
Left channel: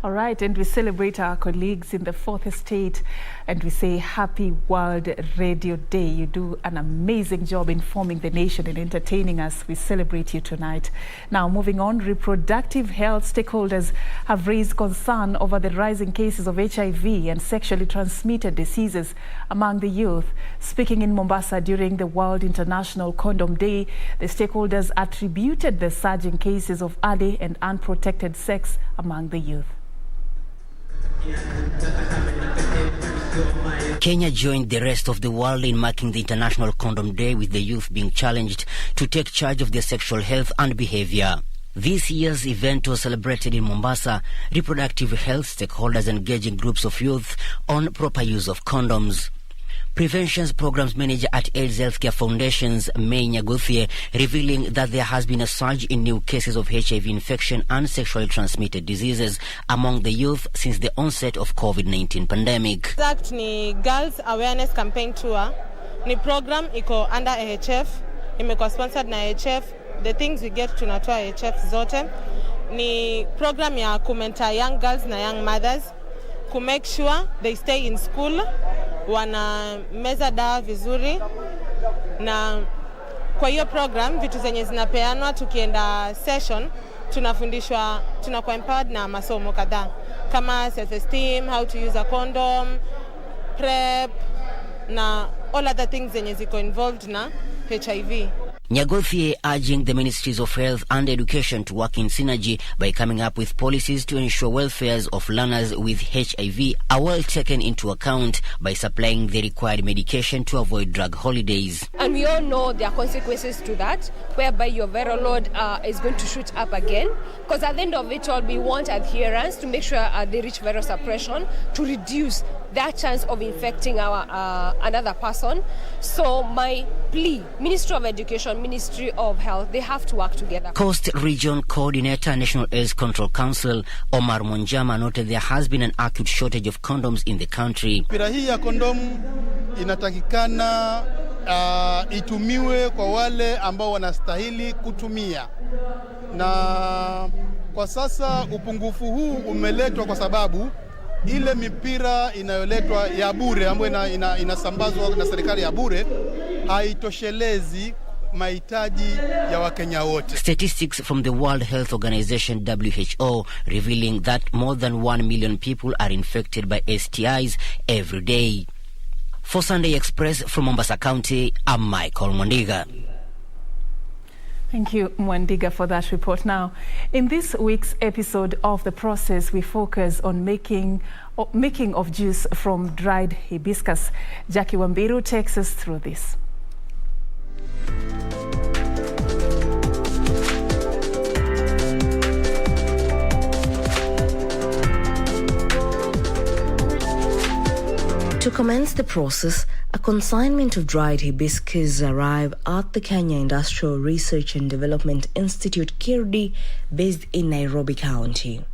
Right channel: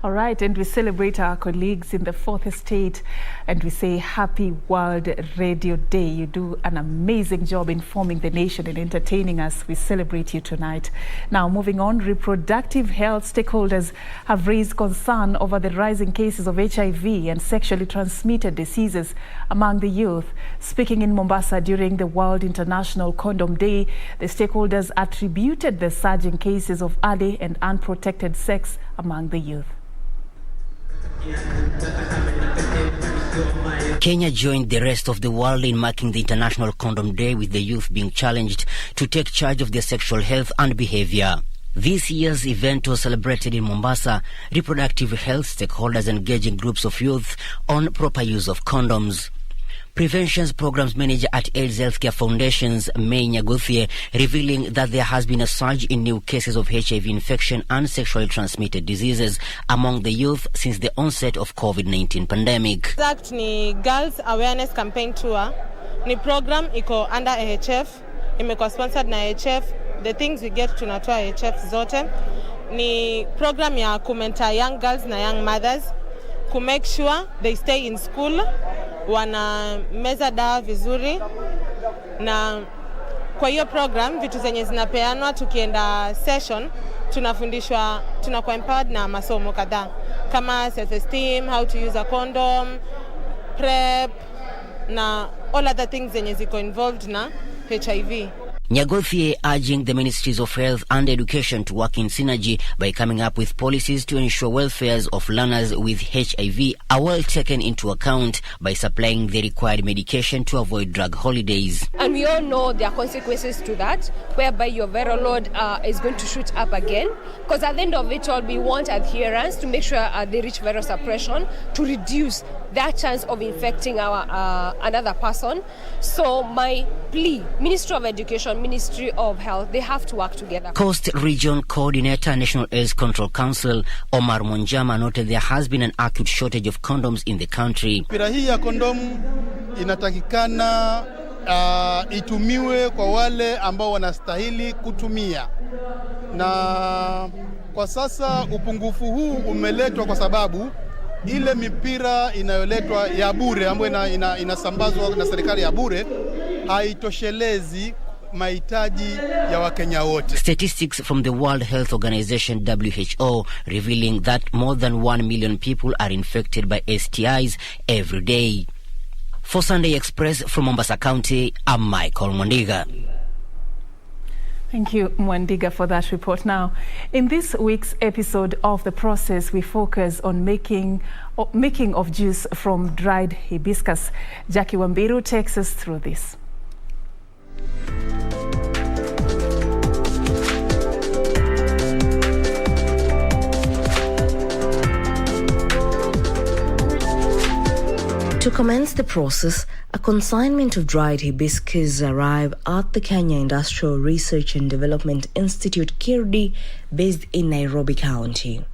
All right, and we celebrate our colleagues in the fourth estate and we say Happy World Radio Day. You do an amazing job informing the nation and entertaining us. We celebrate you tonight. Now, moving on, reproductive health stakeholders have raised concern over the rising cases of HIV and sexually transmitted diseases among the youth. Speaking in Mombasa during the World International Condom Day, the stakeholders attributed the surging cases of early and unprotected sex among the youth. Kenya joined the rest of the world in marking the International Condom Day, with the youth being challenged to take charge of their sexual health and behavior. This year's event was celebrated in Mombasa, reproductive health stakeholders engaging groups of youth on proper use of condoms. Preventions Programs Manager at AIDS Healthcare Foundation's May Nyaguthie revealing that there has been a surge in new cases of HIV infection and sexually transmitted diseases among the youth since the onset of COVID-19 pandemic. Exact ni Girls Awareness Campaign Tour. Ni program iko under AHF, imekuwa sponsored na AHF. The things we get tunatoa AHF zote. Ni program ya kumenta young girls na young mothers to make sure they stay in school, wana meza dawa vizuri, na kwa hiyo program vitu zenye zinapeanwa tukienda session tunafundishwa, tunakuwa empowered na masomo kadhaa kama self-esteem, how to use a condom, PrEP na all other things zenye ziko involved na HIV. Nyaguthie urging the Ministries of Health and Education to work in synergy by coming up with policies to ensure welfares of learners with HIV are well taken into account by supplying the required medication to avoid drug holidays. And we all know there are consequences to that, whereby your viral load is going to shoot up again. Because at the end of it all, we want adherence to make sure they reach viral suppression to reduce that chance of infecting another person. So my plea, Ministry of Education, Ministry of Health, they have to work together. Coast Region Coordinator, National AIDS Control Council, Omar Monjama, noted there has been an acute shortage of condoms in the country. Mipira hii ya kondomu inatakikana itumiwe kwa wale ambao wanastahili kutumia. Na kwa sasa upungufu huu umeletwa kwa sababu ile mipira inayoletwa ya bure ambayo inasambazwa na serikali ya bure haitoshelezi mahitaji ya Wakenya wote. Statistics from the World Health Organization WHO revealing that more than 1 million people are infected by STIs every day. For Sunday Express from Mombasa County, I'm Michael Mwandiga. Thank you, Mwandiga, for that report. Now, in this week's episode of The Process, we focus on making of juice from dried hibiscus. Jackie Wambiru takes us through this. To commence the process, a consignment of dried hibiscus arrived at the Kenya Industrial Research and Development Institute, KIRDI, based in Nairobi County.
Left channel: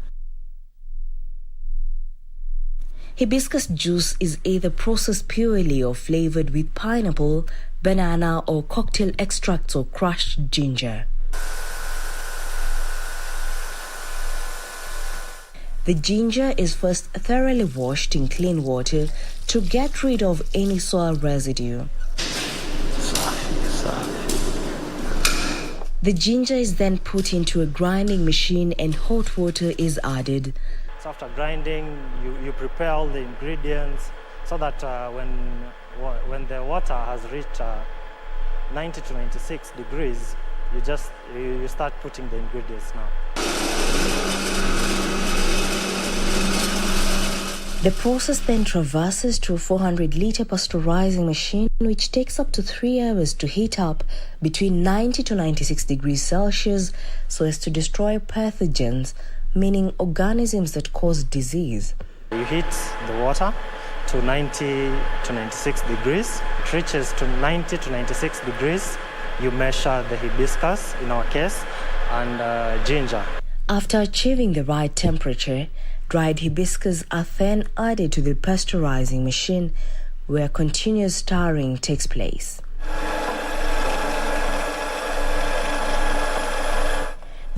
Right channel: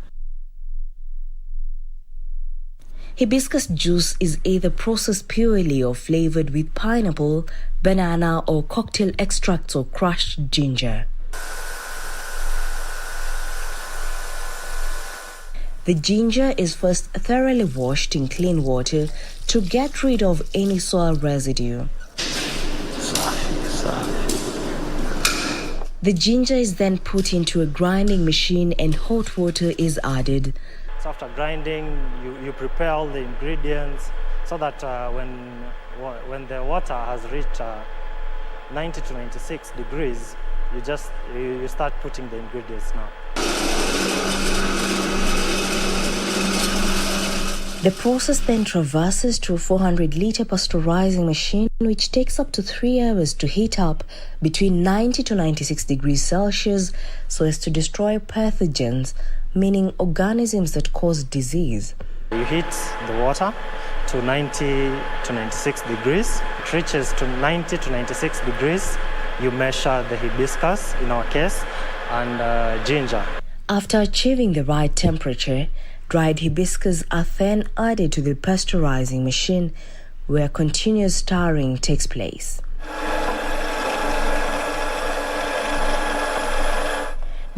Hibiscus juice is either processed purely or flavored with pineapple, banana, or cocktail extracts or crushed ginger. The ginger is first thoroughly washed in clean water to get rid of any soil residue. The ginger is then put into a grinding machine and hot water is added. So after grinding, you prepare all the ingredients so that when the water has reached 90 to 96 degrees, you start putting the ingredients now. The process then traverses to a 400-litre pasteurizing machine, which takes up to 3 hours to heat up between 90 to 96 degrees Celsius so as to destroy pathogens, meaning organisms that cause disease. You heat the water to 90 to 96 degrees. It reaches to 90 to 96 degrees. You measure the hibiscus, in our case, and ginger. After achieving the right temperature, dried hibiscus are then added to the pasteurizing machine, where continuous stirring takes place.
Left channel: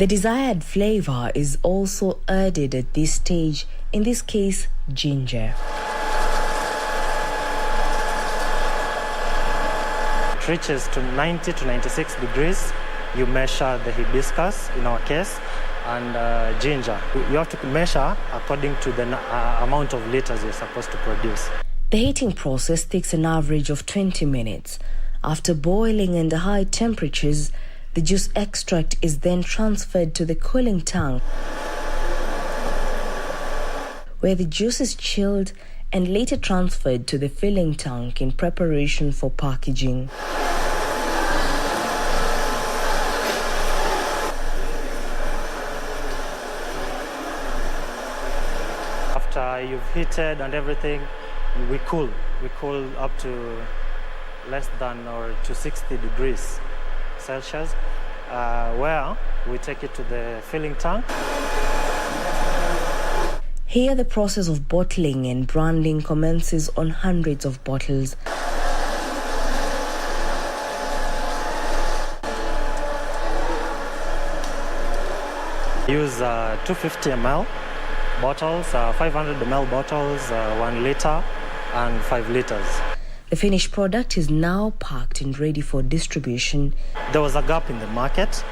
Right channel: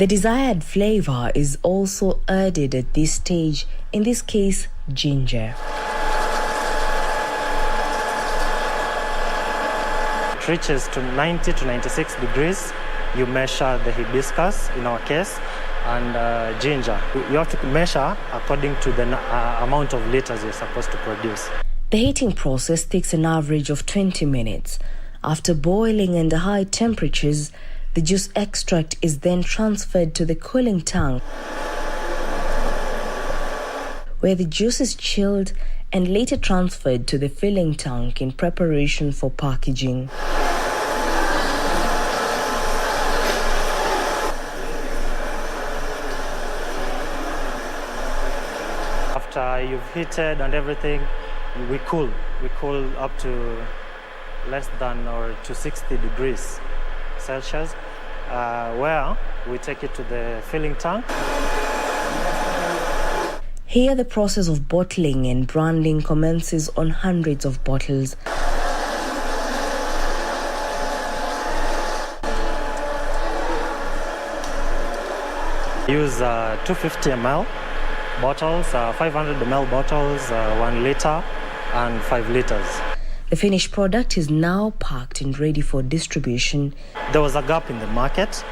The desired flavor is also added at this stage, in this case, ginger. It reaches to 90 to 96 degrees. You measure the hibiscus, in our case, and ginger. You have to measure according to the amount of liters you're supposed to produce. The heating process takes an average of 20 minutes. After boiling under high temperatures, the juice extract is then transferred to the cooling tank, where the juice is chilled and later transferred to the filling tank in preparation for packaging. After you've heated and everything, we cool. We cool up to less than or to 60 degrees Celsius, where we take it to the filling tank. Here the process of bottling and branding commences on hundreds of bottles. Use 250 ml bottles, 500 ml bottles, 1 liter and 5 liters. The finished product is now packed and ready for distribution. There was a gap in the market,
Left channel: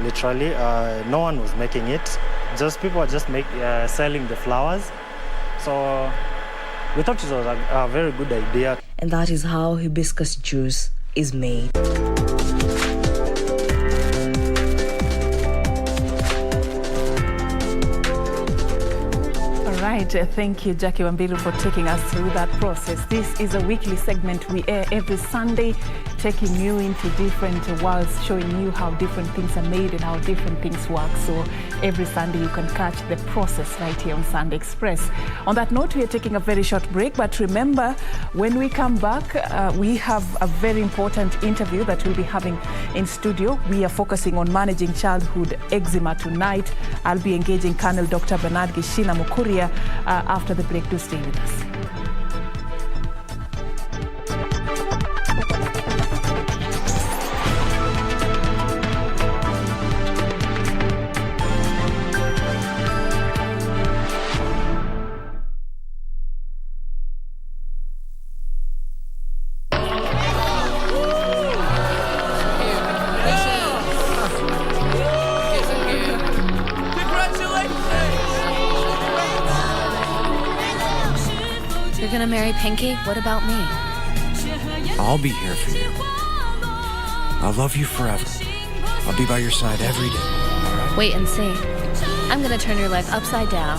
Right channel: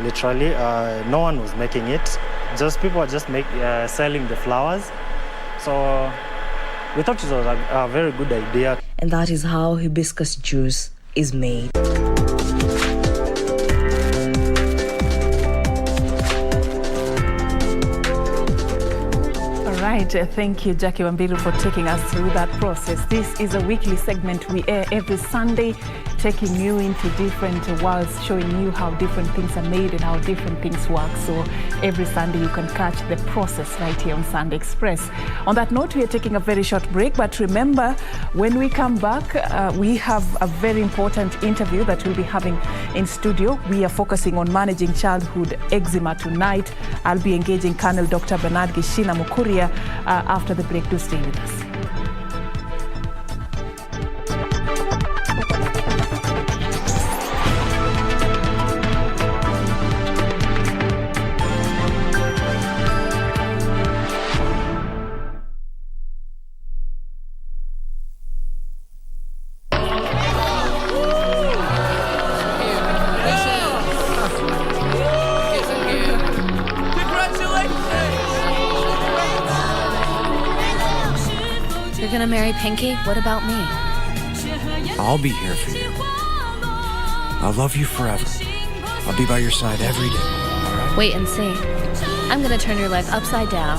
literally. No one was making it. Just people were just selling the flowers. So we thought it was a very good idea. And that is how hibiscus juice is made. Thank you, Jackie Wambiru, for taking us through that process. This is a weekly segment we air every Sunday, taking you into different worlds, showing you how different things are made and how different things work. So every Sunday you can catch the process right here on Sunday Express. On that note, we are taking a very short break, but remember, when we come back, we have a very important interview that we'll be having in studio. We are focusing on managing childhood eczema tonight. I'll be engaging Colonel Dr. Bernard Gishina Mukuria after the break. Do stay with us. Marry Pinky? What about me? I'll be here for you. I'll love you forever. I'll be by your side every day. All right? Wait and see. I'm gonna turn your life upside down.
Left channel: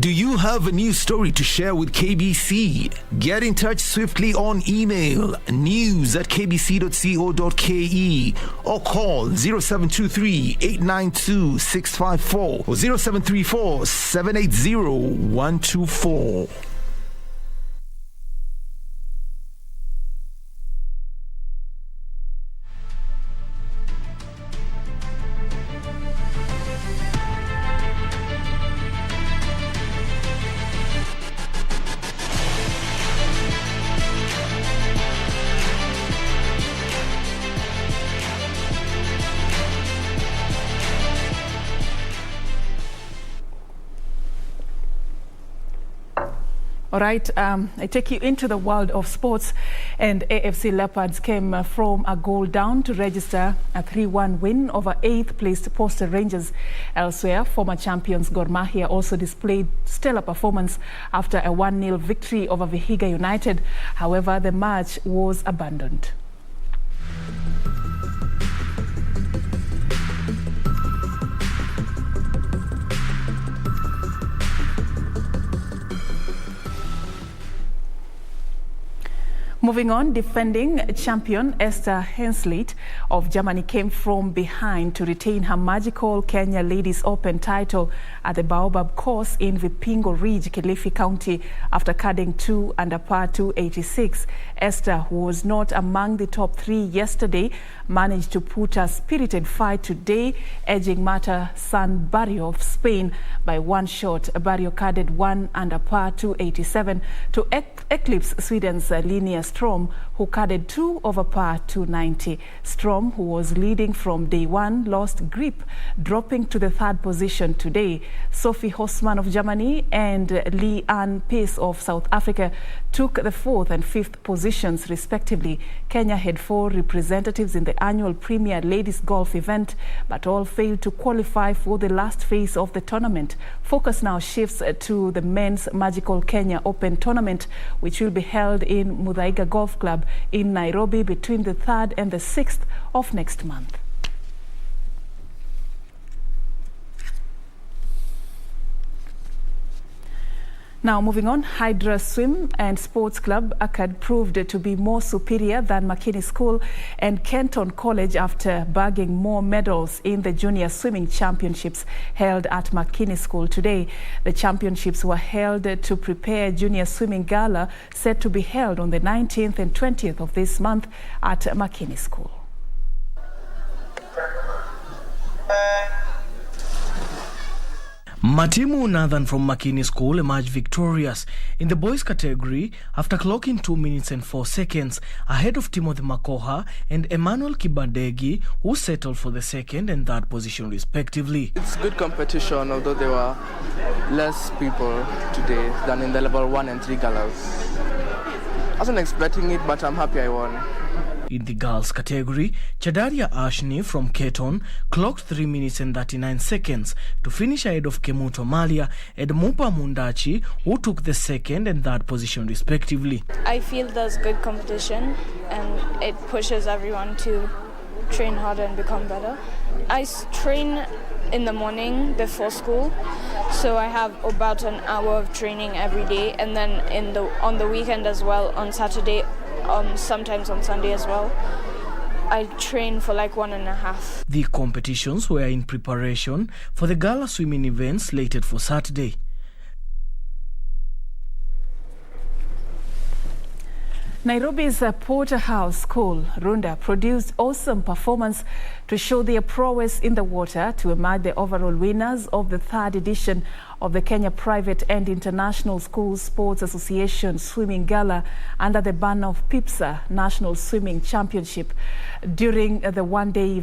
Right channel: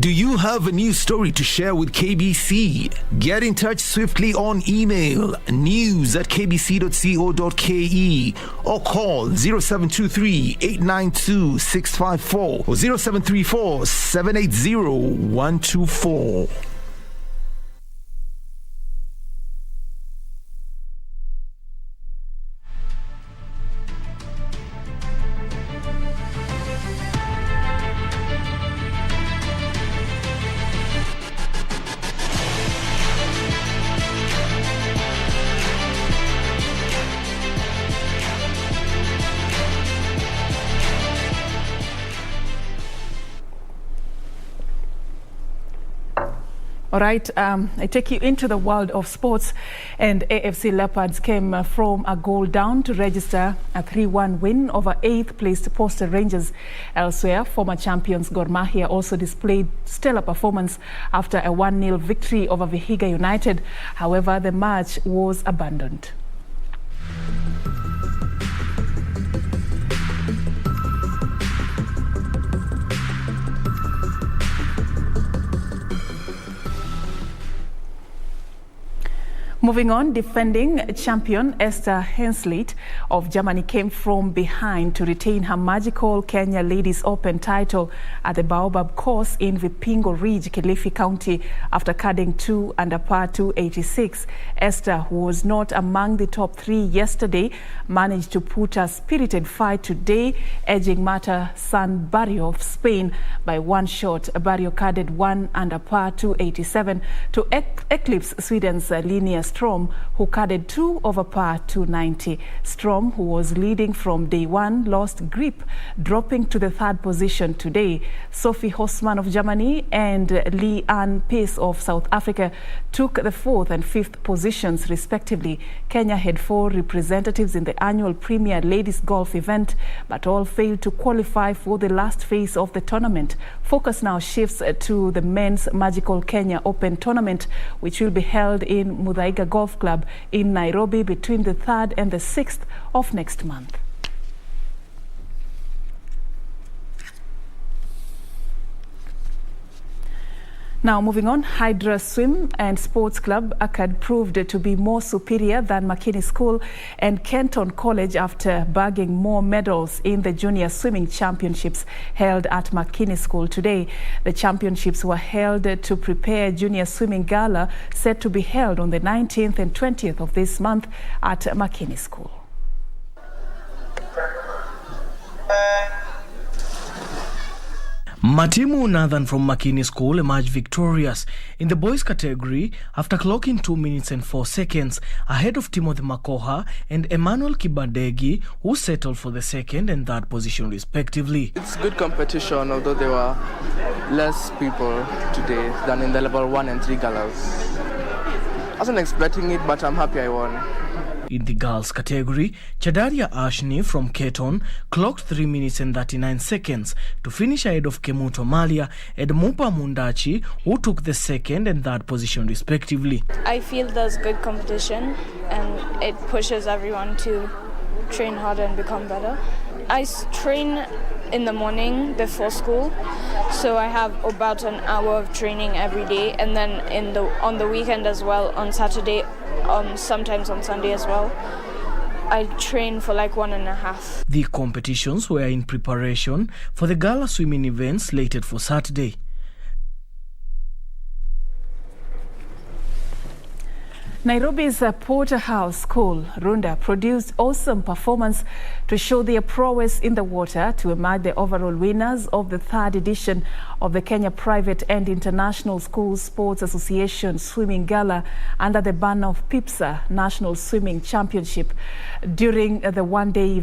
Do you have a new story to share with KBC? Get in touch swiftly on email news@kbc.co.ke or call 0723 892 654 or 0734 780 124. All right, I take you into the world of sports, and AFC Leopards came from a goal down to register a 3-1 win over 8th-placed Posta Rangers. Elsewhere, former champions Gor Mahia also displayed stellar performance after a 1-0 victory over Vihiga United. However, the match was abandoned. Moving on, defending champion Esther Hensleit of Germany came from behind to retain her magical Kenya Ladies Open title at the Baobab course in Vipingo Ridge, Kilifi County, after carding 2 under par 286. Esther, who was not among the top 3 yesterday, managed to put a spirited fight today, edging Marta San Barrio of Spain by 1 shot. Barrio carded 1 under par 287 to eclipse Sweden's Linnea Strom, who carded 2 over par 290. Strom, who was leading from day 1, lost grip, dropping to the 3rd position today. Sophie Hosman of Germany and Lee-Ann Pace of South Africa took the 4th and 5th positions respectively. Kenya had 4 representatives in the annual Premier Ladies Golf event, but all failed to qualify for the last phase of the tournament. Focus now shifts to the men's Magical Kenya Open tournament, which will be held in Muthaiga Golf Club in Nairobi between the 3rd and the 6th of next month. Now moving on, Hydra Swim and Sports Club ACAD proved to be more superior than Makini School and Kenton College after bagging more medals in the Junior Swimming Championships held at Makini School today. The championships were held to prepare Junior Swimming Gala set to be held on the 19th and 20th of this month at Makini School. Matimu Nathan from Makini School emerged victorious in the boys category after clocking 2 minutes and 4 seconds ahead of Timothy Makoha and Emmanuel Kibadegi, who settled for the 2nd and 3rd position respectively. It's good competition, although there were less people today than in the level 1 and 3 galas. I wasn't expecting it, but I'm happy I won. In the girls category, Chadaria Ashni from Keton clocked 3 minutes and 39 seconds to finish ahead of Kemuto Malia and Mupa Mundachi, who took the 2nd and 3rd position respectively. I feel there's good competition and it pushes everyone to train harder and become better. I train in the morning before school, so I have about an hour of training every day, and then on the weekend as well, on Saturday, sometimes on Sunday as well. I train for like 1.5. The competitions were in preparation for the gala swimming event slated for Saturday. Nairobi's Porterhouse School, Runda, produced awesome performance to show their prowess in the water to emerge the overall winners of the 3rd edition of the Kenya Private and International Schools Sports Association Swimming Gala under the banner of PIPSA National Swimming Championship. During the one-day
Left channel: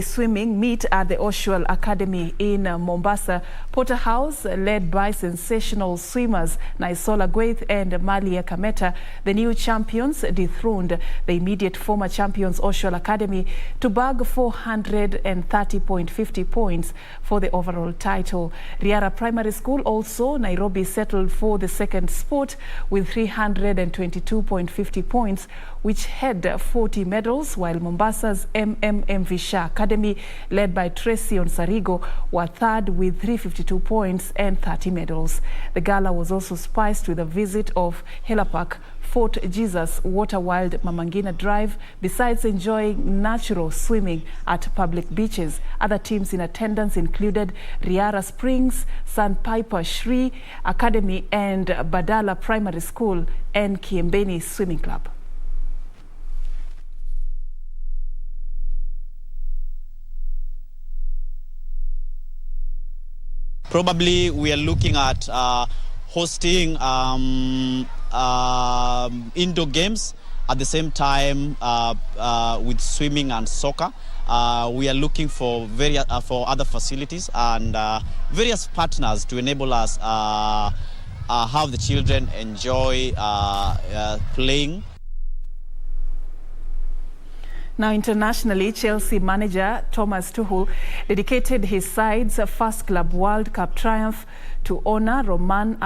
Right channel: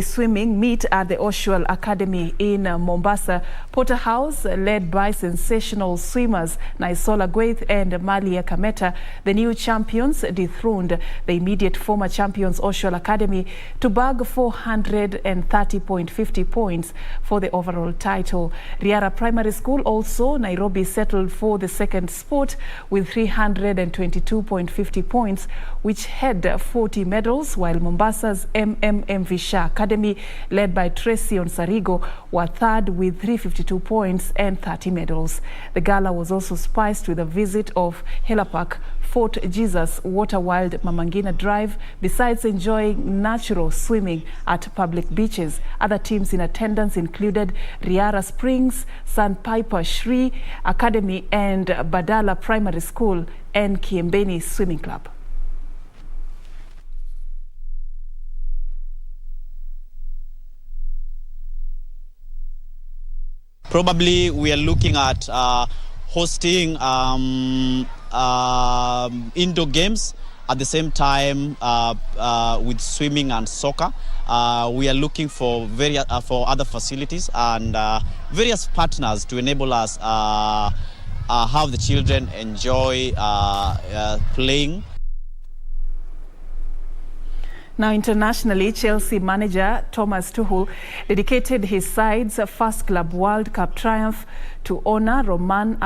swimming meet at the Oshual Academy in Mombasa, Porterhouse, led by sensational swimmers Naisola Gwaith and Malia Kameta, the new champions dethroned the immediate former champions Oshual Academy to bag 430.50 points for the overall title. Riara Primary School, also Nairobi, settled for the 2nd spot with 322.50 points, which had 40 medals, while Mombasa's MV Shah Academy, led by Tracy Onsarigo, were 3rd with 352 points and 30 medals. The gala was also spiced with a visit of Helapak, Fort Jesus, Waterwild, Mamangina Drive, besides enjoying natural swimming at public beaches. Other teams in attendance included Riara Springs, Sandpiper Shri Academy, and Badala Primary School and Kiembeni Swimming Club. Probably we are looking at hosting indoor games at the same time with swimming and soccer. We are looking for other facilities and various partners to enable us have the children enjoy playing. Now, internationally, Chelsea manager Thomas Tuchel dedicated his side's first Club World Cup triumph to honor Roman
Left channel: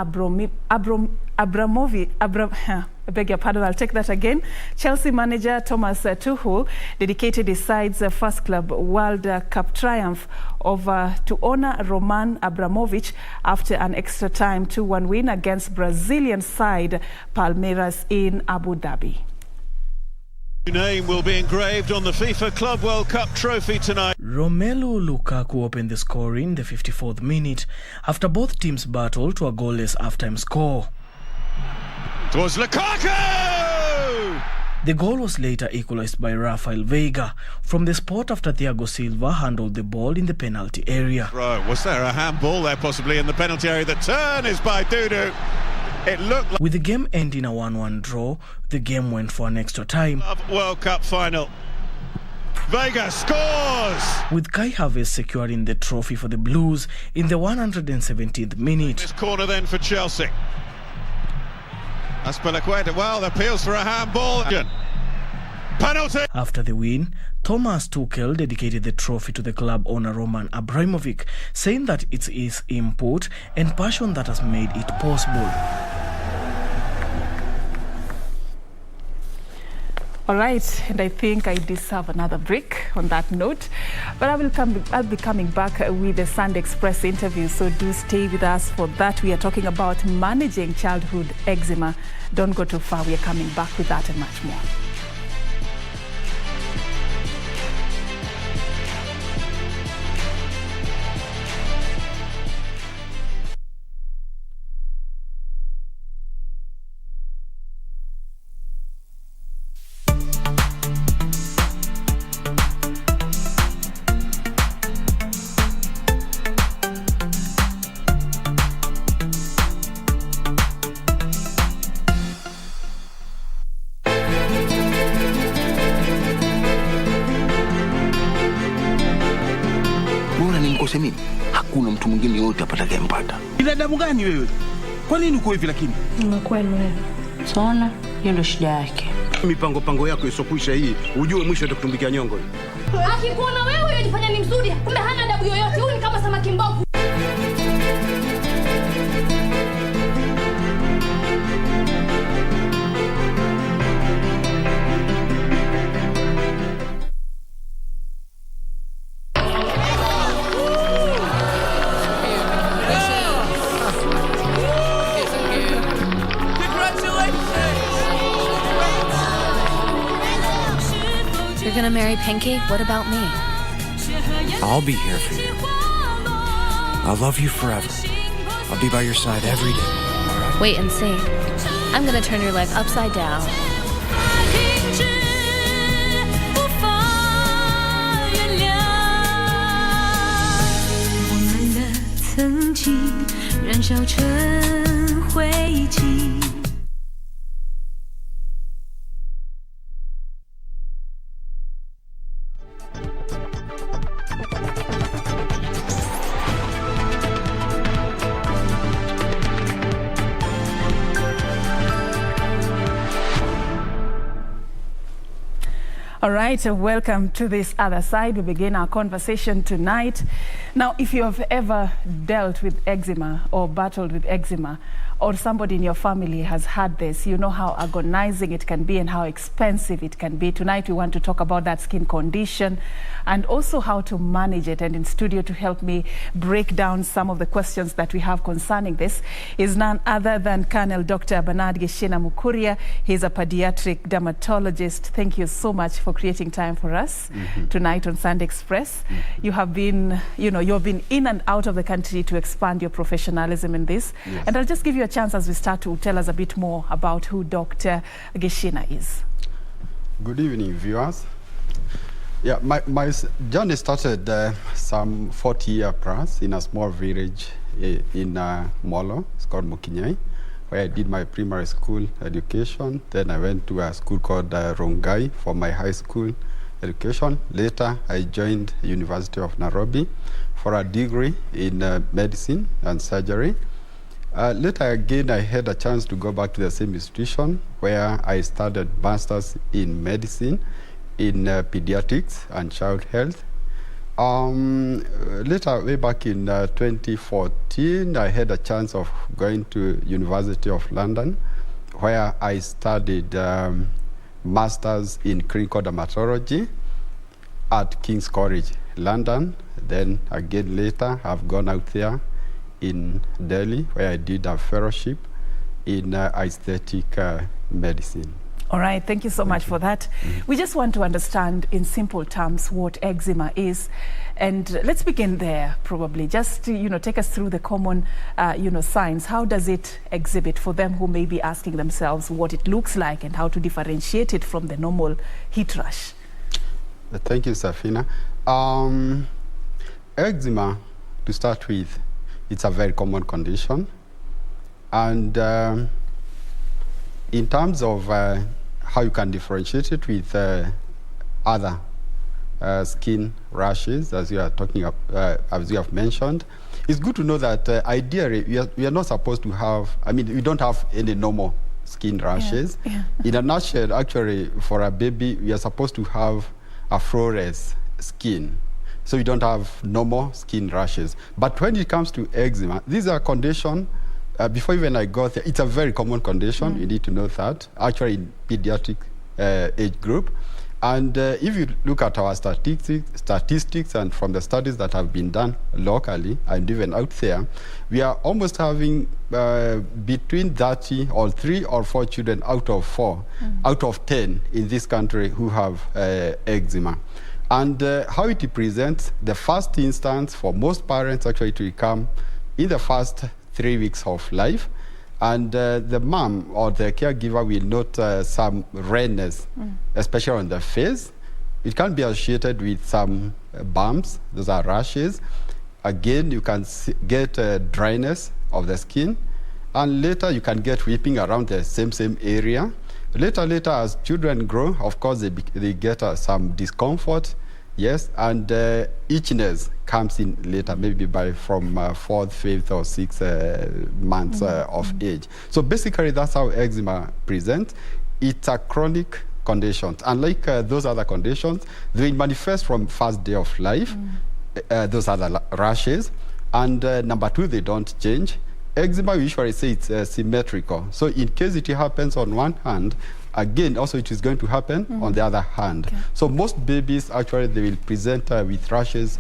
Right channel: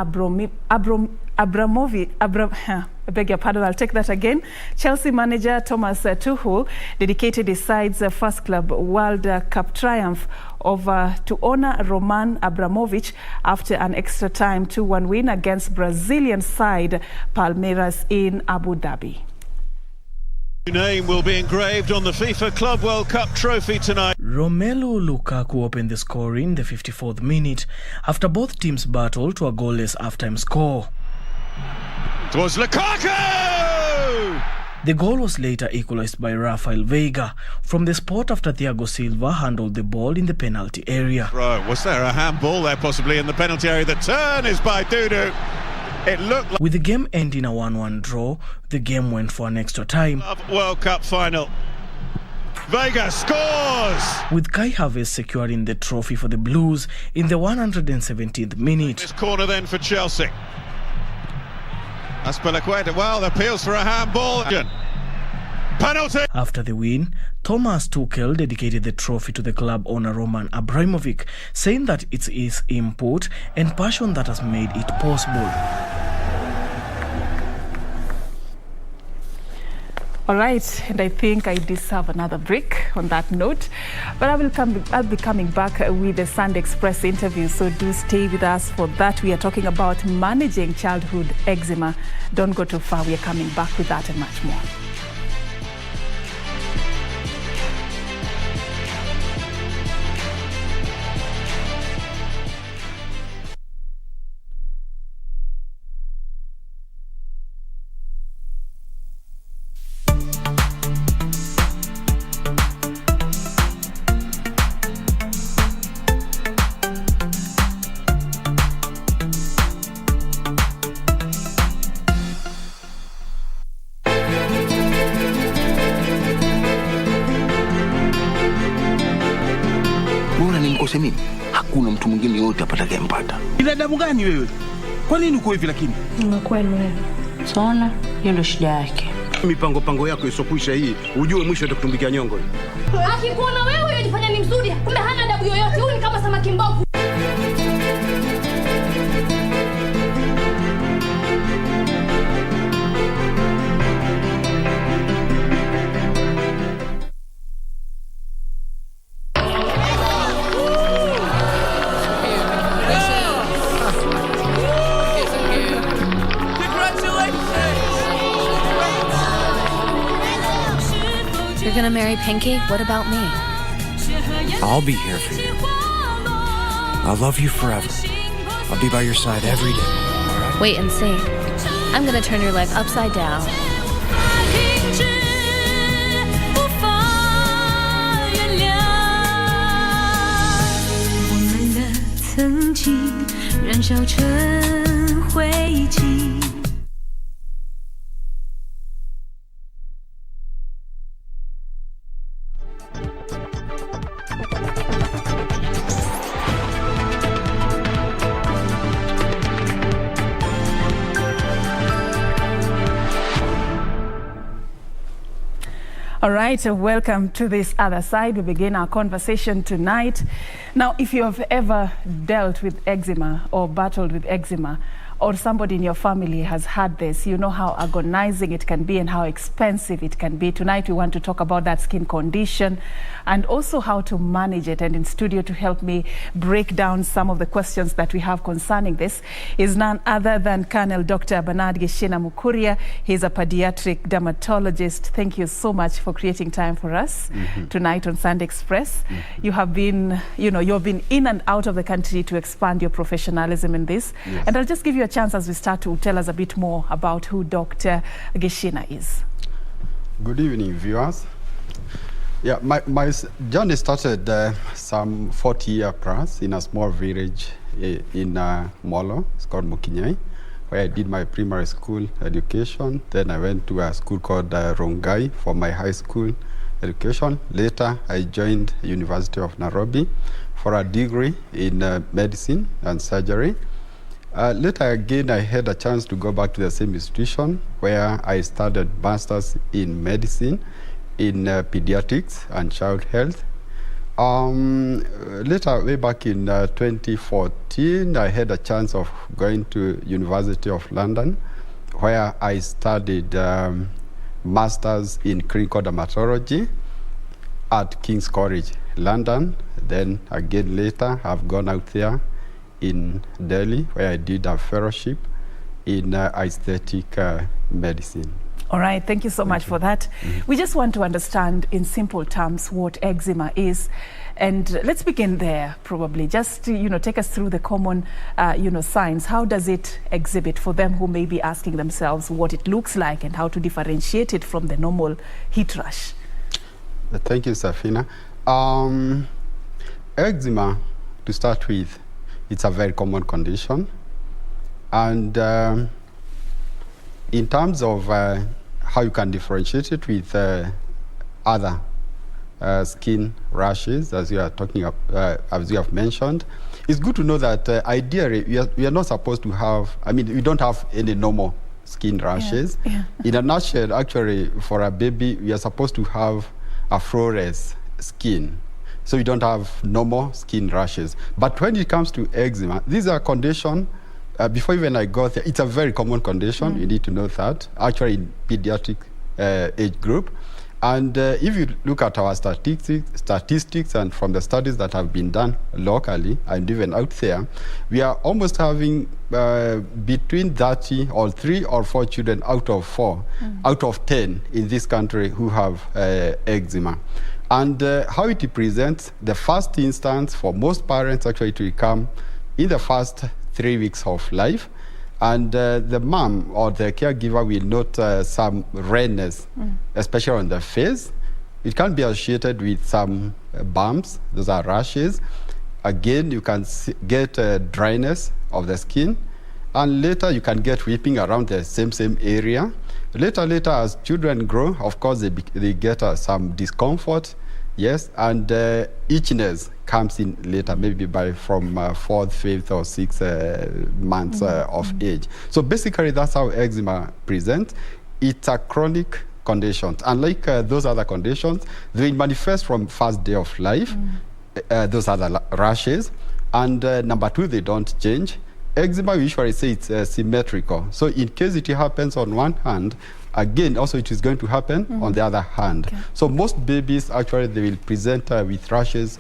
I beg your pardon, I'll take that again. Chelsea manager Thomas Tuchel dedicated his side's first club World Cup triumph to honor Roman Abramovich after an extra time 2-1 win against Brazilian side Palmeiras in Abu Dhabi. Your name will be engraved on the FIFA Club World Cup trophy tonight. Romelu Lukaku opened the scoring in the 54th minute after both teams battled to a goalless halftime score. It was Lukaku! The goal was later equalized by Rafael Veiga from the spot after Thiago Silva handled the ball in the penalty area. Right, was there a handball there possibly in the penalty area? The turn is by Dudu. It looked like... With the game ending a 1-1 draw, the game went for an extra time. World Cup final. Veiga scores! With Kai Havertz securing the trophy for the Blues in the 117th minute. This corner then for Chelsea. Aspilicueta, well, appeals for a handball. Penalty! After the win, Thomas Tuchel dedicated the trophy to the club owner Roman Abramovich, saying that it's his input and passion that has made it possible. All right, and I think I deserve another break on that note. But I'll be coming back with the Sunday Express interview, so do stay with us for that. We are talking about managing childhood eczema. Don't go too far. We are coming back with that and much more. Hakuna mtu mwingine yote atakayempata. Binadamu gani wewe? Kwa nini uko hivi lakini? Unakuwa wewe. Saona, hiyo ndio shida yake. Mipango yako isokwisha hii, ujue mwisho atakutumbikia nyongo. Akikuona wewe unajifanya ni mzuri, kumbe hana adabu yoyote. Huyu ni kama samaki mbovu. You're gonna marry Pinky? What about me? I'll be here for you. I'll love you forever. I'll be by your side every day. All right? Wait and see. I'm gonna turn your life upside down. All right, welcome to this other side. We begin our conversation tonight. Now, if you have ever dealt with eczema or battled with eczema, or somebody in your family has had this, you know how agonizing it can be and how expensive it can be. Tonight we want to talk about that skin condition and also how to manage it. And in studio to help me break down some of the questions that we have concerning this is none other than Colonel Dr. Bernard Geshina Mukuria. He's a pediatric dermatologist. Thank you so much for creating time for us tonight on Sunday Express. You have been, you've been in and out of the country to expand your professionalism in this. Yes. And I'll just give you a chance as we start to tell us a bit more about who Dr. Geshina is. Good evening, viewers. Yeah, my journey started some 40 years plus in a small village in Molo. It's called Mukinyai, where I did my primary school education. Then I went to a school called Rongai for my high school education. Later, I joined University of Nairobi for a degree in medicine and surgery. Later again, I had a chance to go back to the same institution where I studied masters in medicine, in pediatrics and child health. Later, way back in 2014, I had a chance of going to University of London, where I studied Masters in Clinical Dermatology at King's College, London. Then again later, I've gone out there in Delhi, where I did a fellowship in aesthetic medicine. All right, thank you so much for that. We just want to understand in simple terms what eczema is. And let's begin there, probably. Just to, take us through the common, signs. How does it exhibit for them who may be asking themselves what it looks like and how to differentiate it from the normal heat rash? Thank you, Serfine. Eczema, to start with, it's a very common condition. And in terms of how you can differentiate it with other skin rashes, as you are talking about, as you have mentioned, it's good to know that ideally we are not supposed to have, we don't have any normal skin rashes. Yeah. In a nutshell, actually, for a baby, we are supposed to have a flawless skin. So you don't have normal skin rashes. But when it comes to eczema, these are conditions. Before even I got there, it's a very common condition. You need to know that, actually in pediatric age group. And if you look at our statistics and from the studies that have been done locally and even out there, we are almost having between 30 or 3 or 4 children out of 4, out of 10 in this country who have eczema. And how it presents, the first instance for most parents actually to come in the first 3 weeks of life, and the mom or the caregiver will note some redness, especially on the face. It can be associated with some bumps, those are rashes. Again, you can get dryness of the skin, and later you can get weeping around the same area. Later, as children grow, of course, they get some discomfort, yes, and itchiness comes in later, maybe from 4th, 5th, or 6th months of age. So basically, that's how eczema presents. It's a chronic condition. Unlike those other conditions, they manifest from first day of life. Those are the rashes. And number 2, they don't change. Eczema, we usually say it's symmetrical. So in case it happens on one hand, again, also it is going to happen on the other hand. Okay. So most babies, actually, they will present with rashes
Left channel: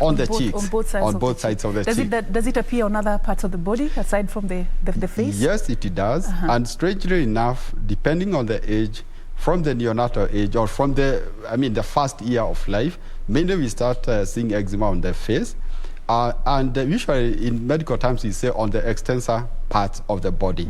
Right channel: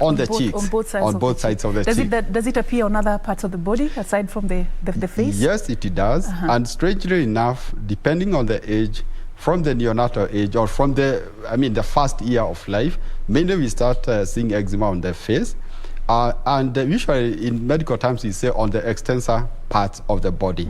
on the cheeks, on both sides of the cheek. Does it appear on other parts of the body, aside from the face? Yes, it does. And strangely enough, depending on the age, from the neonatal age or from the first year of life, mainly we start seeing eczema on the face. And usually in medical terms, we say on the extensor parts of the body.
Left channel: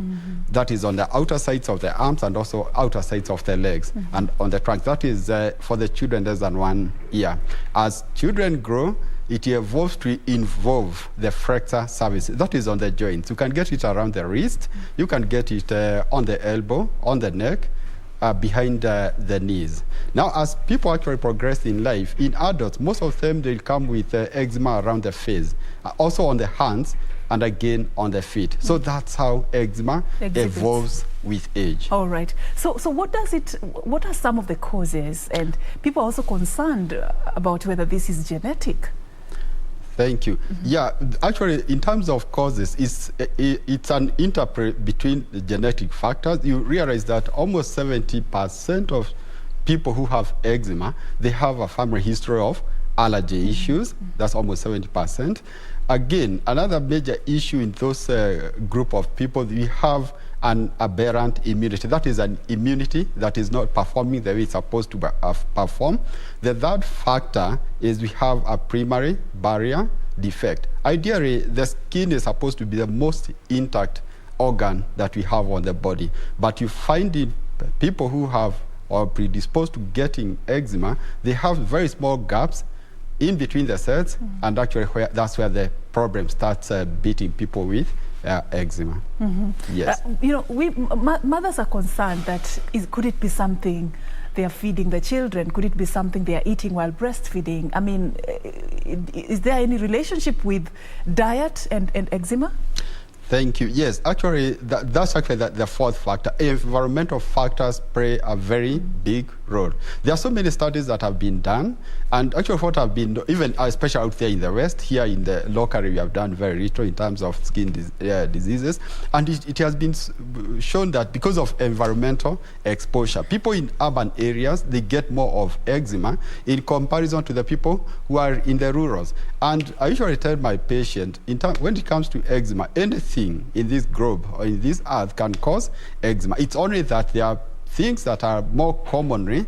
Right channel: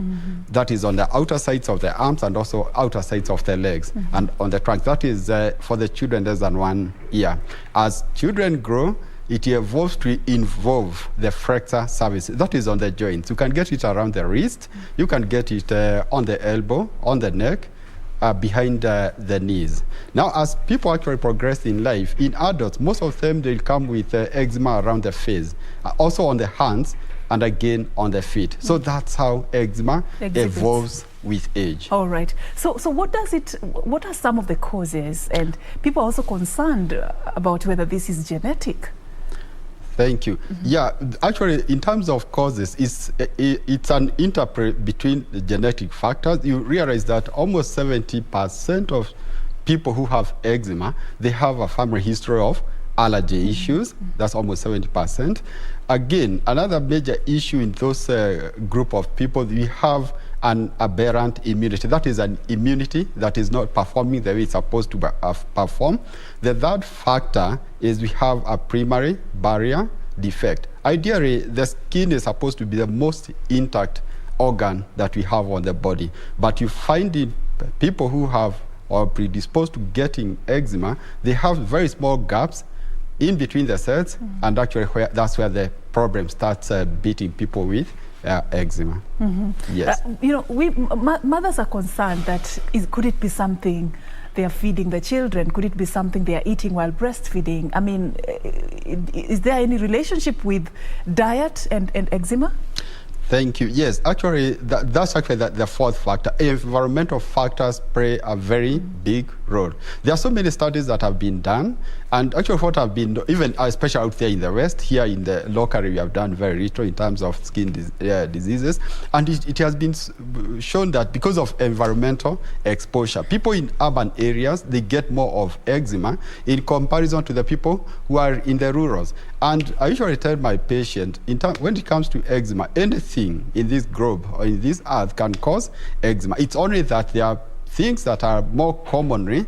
That is on the outer sides of the arms and also outer sides of the legs and on the trunk. That is for the children less than 1 year. As children grow, it evolves to involve the flexor surface. That is on the joints. You can get it around the wrist. You can get it on the elbow, on the neck, behind the knees. Now, as people actually progress in life, in adults, most of them, they'll come with eczema around the face, also on the hands, and again on the feet. So that's how eczema evolves with age. All right. So what are some of the causes? And people are also concerned about whether this is genetic. Thank you. Yeah, actually, in terms of causes, it's an interplay between the genetic factors. You realize that almost 70% of people who have eczema, they have a family history of allergy issues. That's almost 70%. Again, another major issue in those group of people, we have an aberrant immunity. That is an immunity that is not performing the way it's supposed to perform. The third factor is we have a primary barrier defect. Ideally, the skin is supposed to be the most intact organ that we have on the body. But you find in people who have or are predisposed to getting eczema, they have very small gaps in between the cells, and actually that's where the problem starts beating people with eczema. Yes. Mothers are concerned that could it be something they are feeding the children? Could it be something they are eating while breastfeeding? I mean, is there any relationship with diet and eczema? Thank you. Yes, actually, that's actually the fourth factor. Environmental factors play a very big role. There are so many studies that have been done, and actually what have been, even especially out there in the West, here in the local area, we have done very little in terms of skin diseases, and it has been shown that because of environmental exposure, people in urban areas, they get more of eczema in comparison to the people who are in the rurals. And I usually tell my patient, when it comes to eczema, anything in this globe or in this earth can cause eczema. It's only that there are things that are more commonly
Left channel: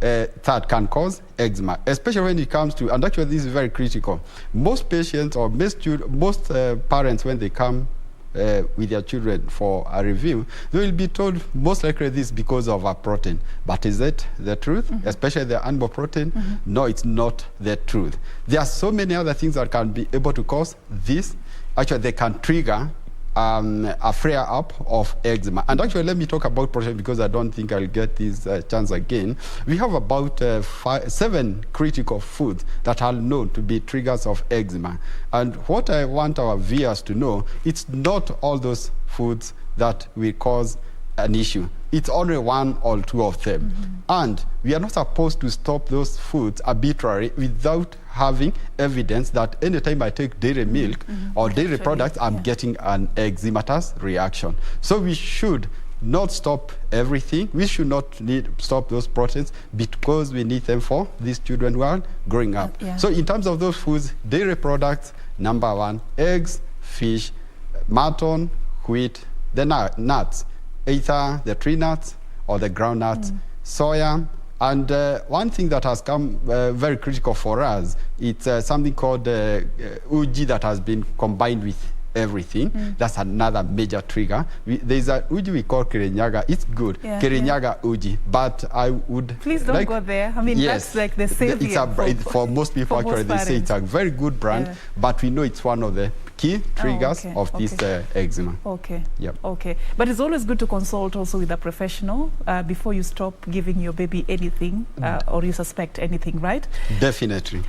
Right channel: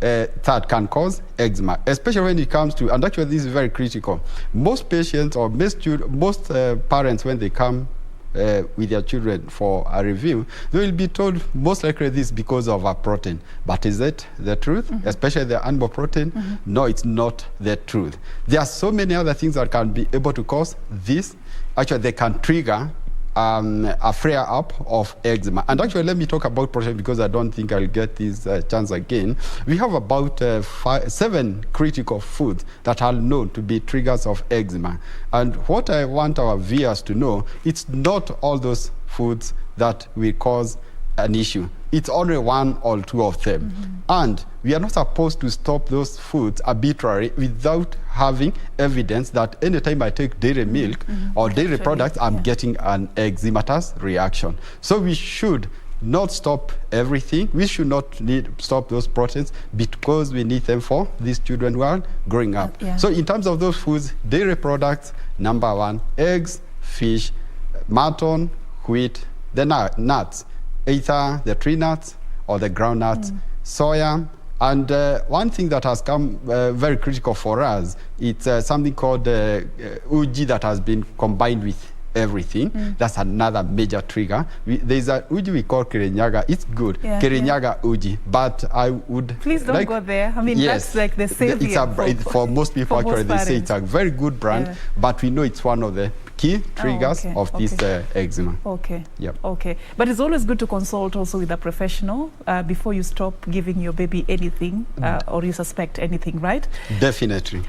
that can cause eczema, especially when it comes to, and actually this is very critical, most patients or most parents, when they come with their children for a review, they will be told most likely this is because of a protein. But is it the truth? Especially the animal protein? No, it's not the truth. There are so many other things that can be able to cause this. Actually, they can trigger a flare-up of eczema. And actually, let me talk about protein because I don't think I'll get this chance again. We have about 7 critical foods that are known to be triggers of eczema. And what I want our viewers to know, it's not all those foods that will cause an issue. It's only 1 or 2 of them. And we are not supposed to stop those foods arbitrarily without having evidence that anytime I take dairy milk or dairy products, I'm getting an eczematous reaction. So we should not stop everything. We should not stop those proteins because we need them for these children who are growing up. So in terms of those foods, dairy products, number 1, eggs, fish, mutton, wheat, the nuts, either the tree nuts or the ground nuts, soya. And one thing that has come very critical for us, it's something called uji that has been combined with everything. That's another major trigger. There's a uji we call Kirinyaga. It's good. Kirinyaga uji. But I would... Please don't go there. I mean, that's like the savior. For most people, actually, they say it's a very good brand, but we know it's one of the key triggers of this eczema. Okay. But it's always good to consult also with a professional before you stop giving your baby anything or you suspect anything, right? Definitely.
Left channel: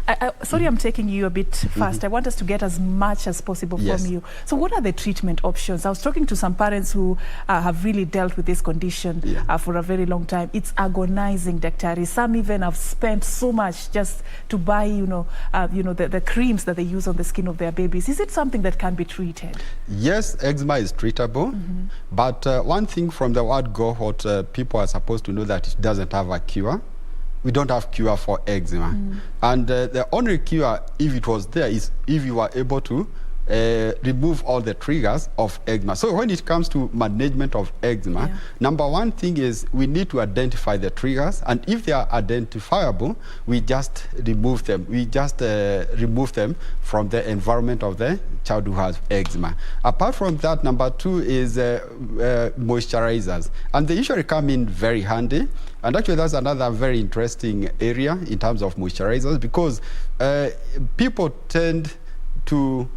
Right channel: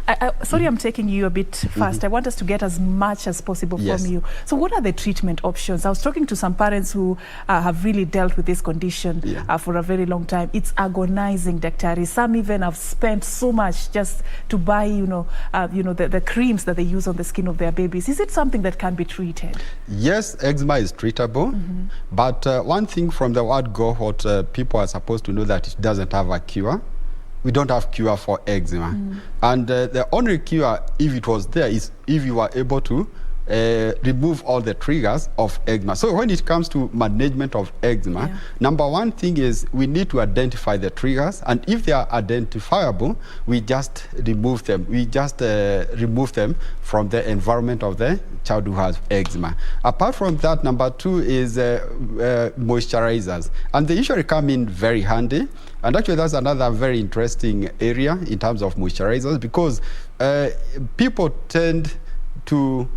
Sorry, I'm taking you a bit fast. I want us to get as much as possible from you. So what are the treatment options? I was talking to some parents who have really dealt with this condition for a very long time. It's agonizing, Daktari. Some even have spent so much just to buy, the creams that they use on the skin of their babies. Is it something that can be treated? Yes, eczema is treatable. But one thing from the word go, what people are supposed to know that it doesn't have a cure. We don't have cure for eczema. And the only cure, if it was there, is if you are able to remove all the triggers of eczema. So when it comes to management of eczema, number 1 thing is we need to identify the triggers, and if they are identifiable, we just remove them. We just remove them from the environment of the child who has eczema. Apart from that, number 2 is moisturizers, and they usually come in very handy. And actually, that's another very interesting area in terms of moisturizers, because people tend to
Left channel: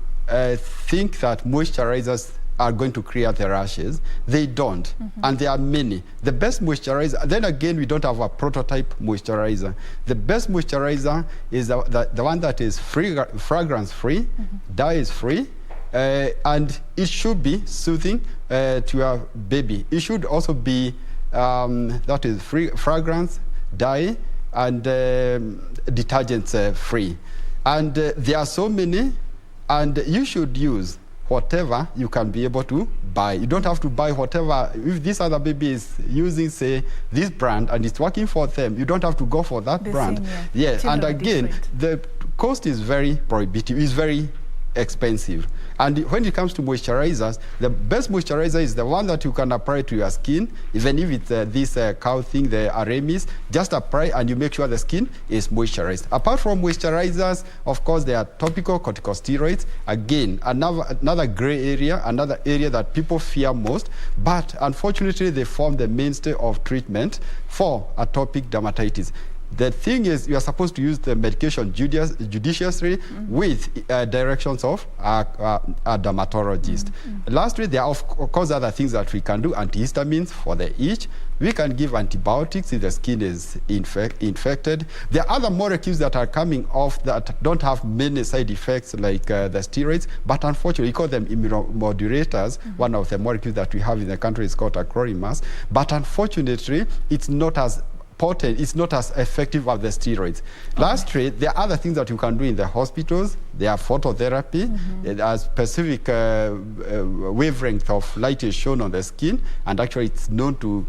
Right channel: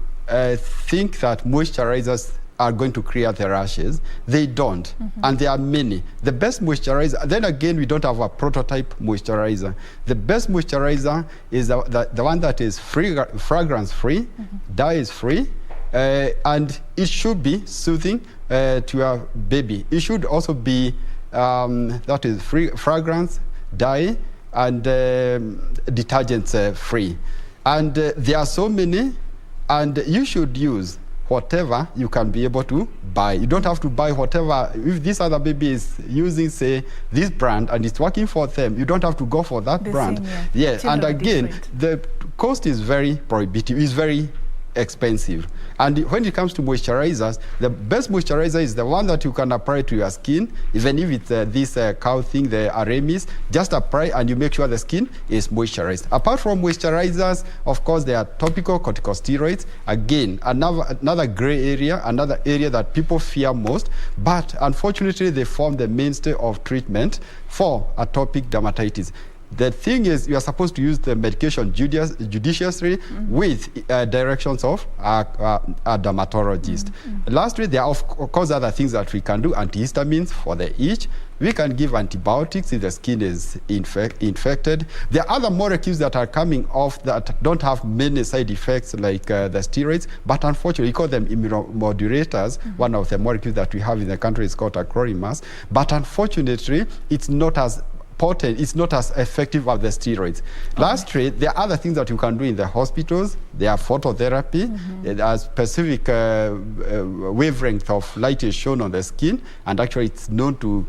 think that moisturizers are going to clear the rashes. They don't, and there are many. The best moisturizer, then again, we don't have a prototype moisturizer. The best moisturizer is the one that is fragrance-free, dye-free, and it should be soothing to your baby. It should also be that is fragrance, dye, and detergents-free. And there are so many. And you should use whatever you can be able to buy. You don't have to buy whatever. If this other baby is using, say, this brand and it's working for them, you don't have to go for that brand. And again, the cost is very prohibitive. It's very expensive. And when it comes to moisturizers, the best moisturizer is the one that you can apply to your skin, even if it's this cow thing, the Aramis, just apply and you make sure the skin is moisturized. Apart from moisturizers, of course, there are topical corticosteroids. Again, another gray area, another area that people fear most, but unfortunately, they form the mainstay of treatment for atopic dermatitis. The thing is, you are supposed to use the medication judiciously with directions of a dermatologist. Lastly, there are, of course, other things that we can do. Antihistamines for the itch, We can give antibiotics if the skin is infected. There are other molecules that are coming off that don't have many side effects like the steroids, but unfortunately, we call them immunomodulators. One of the molecules that we have in the country is called acrolemus, but unfortunately, it's not as potent, it's not as effective as the steroids. Lastly, there are other things that you can do in the hospitals. There are phototherapy. There are specific wavelength of light is shown on the skin, and actually it's known to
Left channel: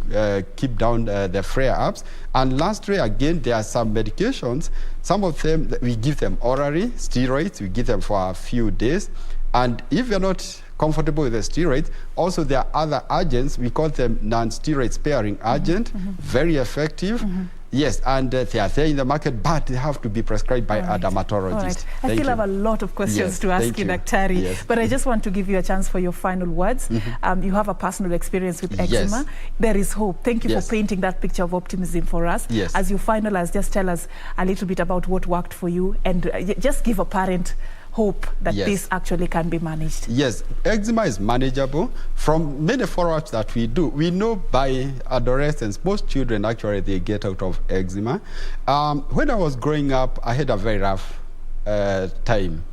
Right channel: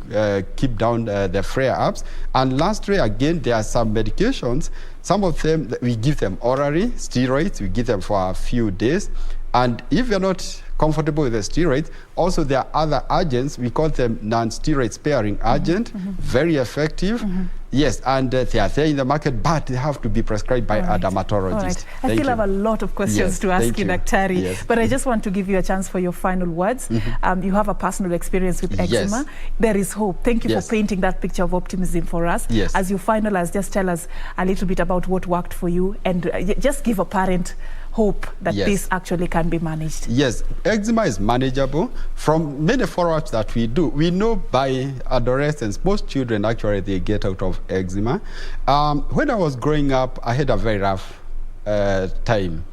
keep down the flare-ups. And lastly, again, there are some medications. Some of them, we give them orally, steroids, we give them for a few days. And if you're not comfortable with the steroids, also there are other agents, we call them non-steroid sparing agent, very effective. Yes, and they are there in the market, but they have to be prescribed by a dermatologist. I still have a lot of questions to ask you, Daktari, but I just want to give you a chance for your final words. You have a personal experience with eczema. There is hope. Thank you for painting that picture of optimism for us. As you finalize, just tell us a little bit about what worked for you, and just give a parent hope that this actually can be managed. Yes, eczema is manageable. From many follow-ups that we do, we know by adolescence, most children actually, they get out of eczema. When I was growing up, I had a very rough time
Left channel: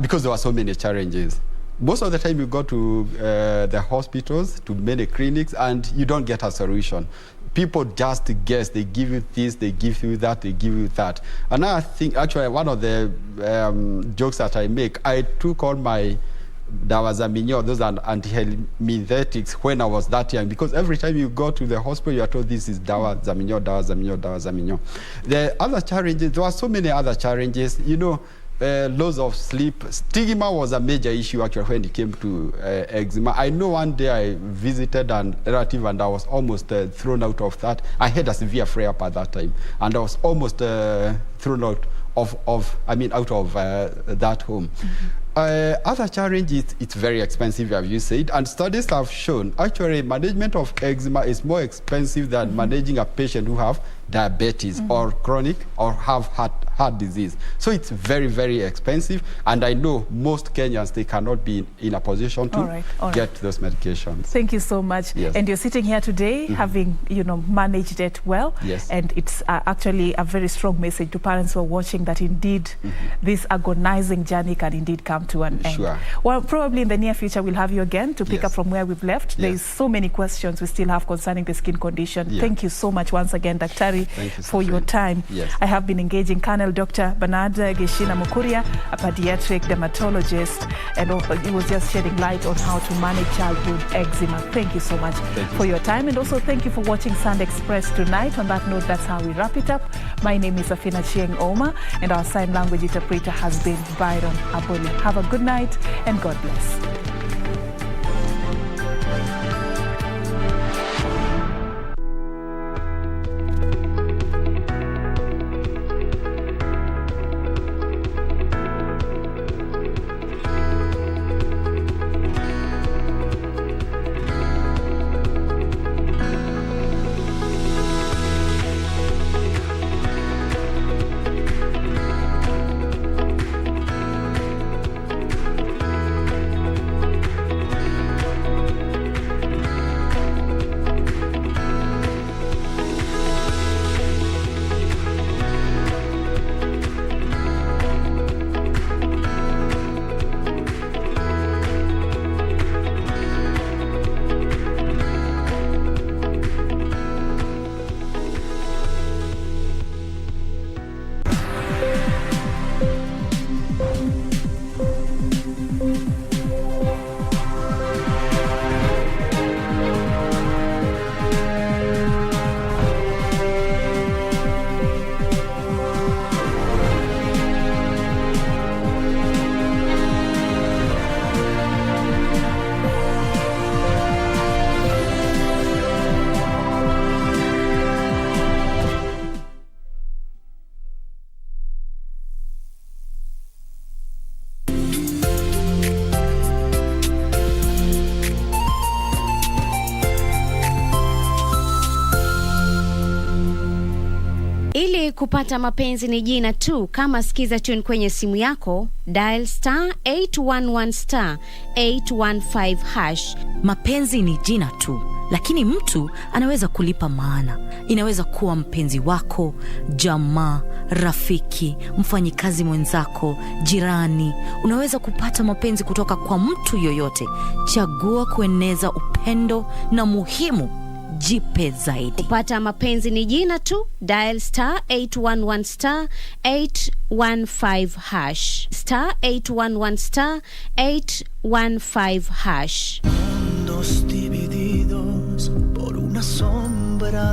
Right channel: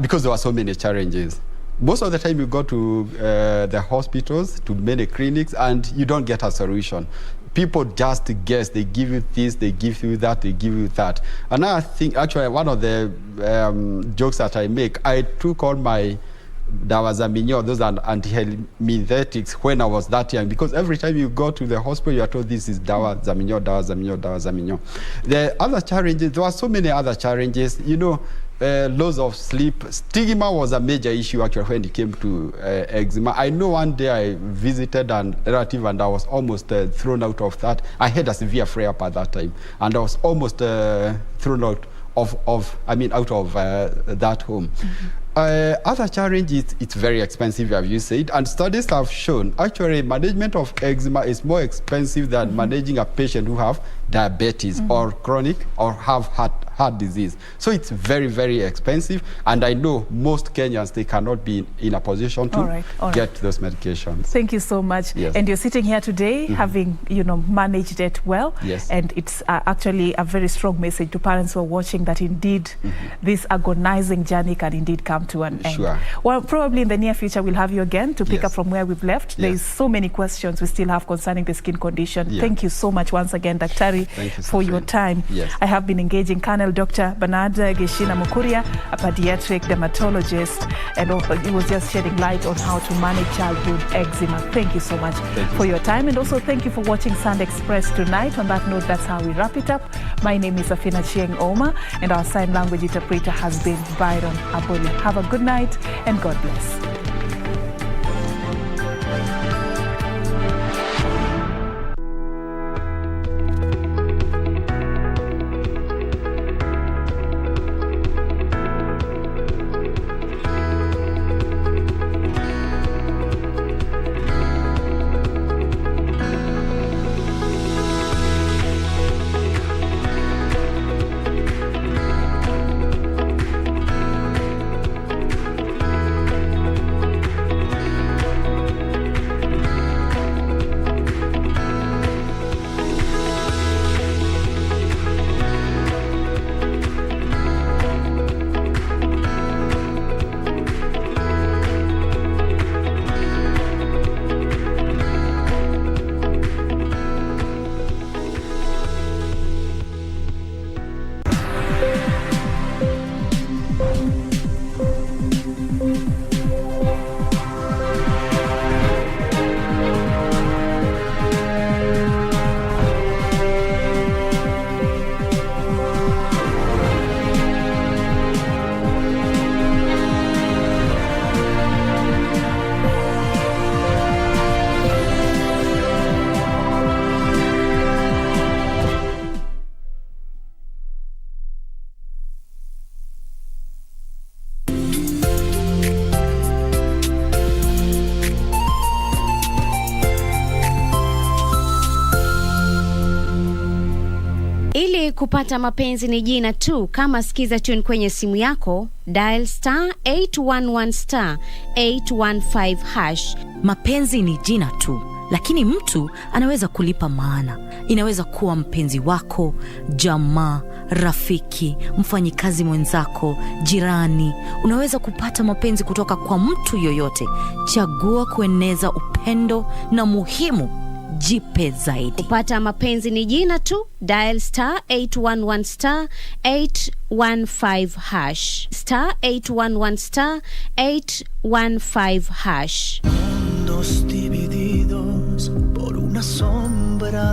because there were so many challenges. Most of the time you go to the hospitals, to many clinics, and you don't get a solution. People just guess. They give you this, they give you that, they give you that. And I think, actually, one of the jokes that I make, I took all my dawazaminyo, those are antihelminthetics, when I was that young, because every time you go to the hospital, you are told this is dawazaminyo, dawazaminyo, dawazaminyo. The other challenges, there are so many other challenges, you know, loss of sleep. Stigma was a major issue actually when it came to eczema. I know one day I visited a relative and I was almost thrown out of that. I had a severe flare-up at that time, and I was almost thrown out of that home. Other challenge is it's very expensive, as you said, and studies have shown actually management of eczema is more expensive than managing a patient who have diabetes or chronic or have heart disease. So it's very, very expensive, and I know most Kenyans, they cannot be in a position to get those medications. Thank you so much. And you're sitting here today having, managed it well. And it's actually a very strong message to parents who are watching that indeed this agonizing journey can indeed come to an end. Well, probably in the near future we'll have you again to pick up from where we've left. There's so many questions we still have concerning the skin condition. Thank you so much once again, Daktari, for your time. I have been engaging Colonel Dr. Bernard Geshina Mukuria, a pediatric dermatologist, and he was just shedding light on how to manage childhood eczema. Thank you so much for your time, and also thank you for watching Sun Express tonight. On that note, that's how we wrap it up. My name is achieng Ouma, and our sign language interpreter has been Byron Aboli. Have a good night, and God bless. kupata mapenzi ni jina tu. Kama sikiza tune kwenye simu yako, dial *811 *815 #. Mapenzi ni jina tu, lakini mtu anaweza kulipa maana. Inaweza kuwa mpenzi wako, jamaa, rafiki, mfanyikazi mwenzako, jirani. Unaweza kupata mapenzi kutoka kwa mtu yoyote. Chagua kueneza upendo na muhimu, jipe zaidi. Kupata mapenzi ni jina tu. Dial *811 *815 #. *811 *815 #. Mundos divididos por una sombra.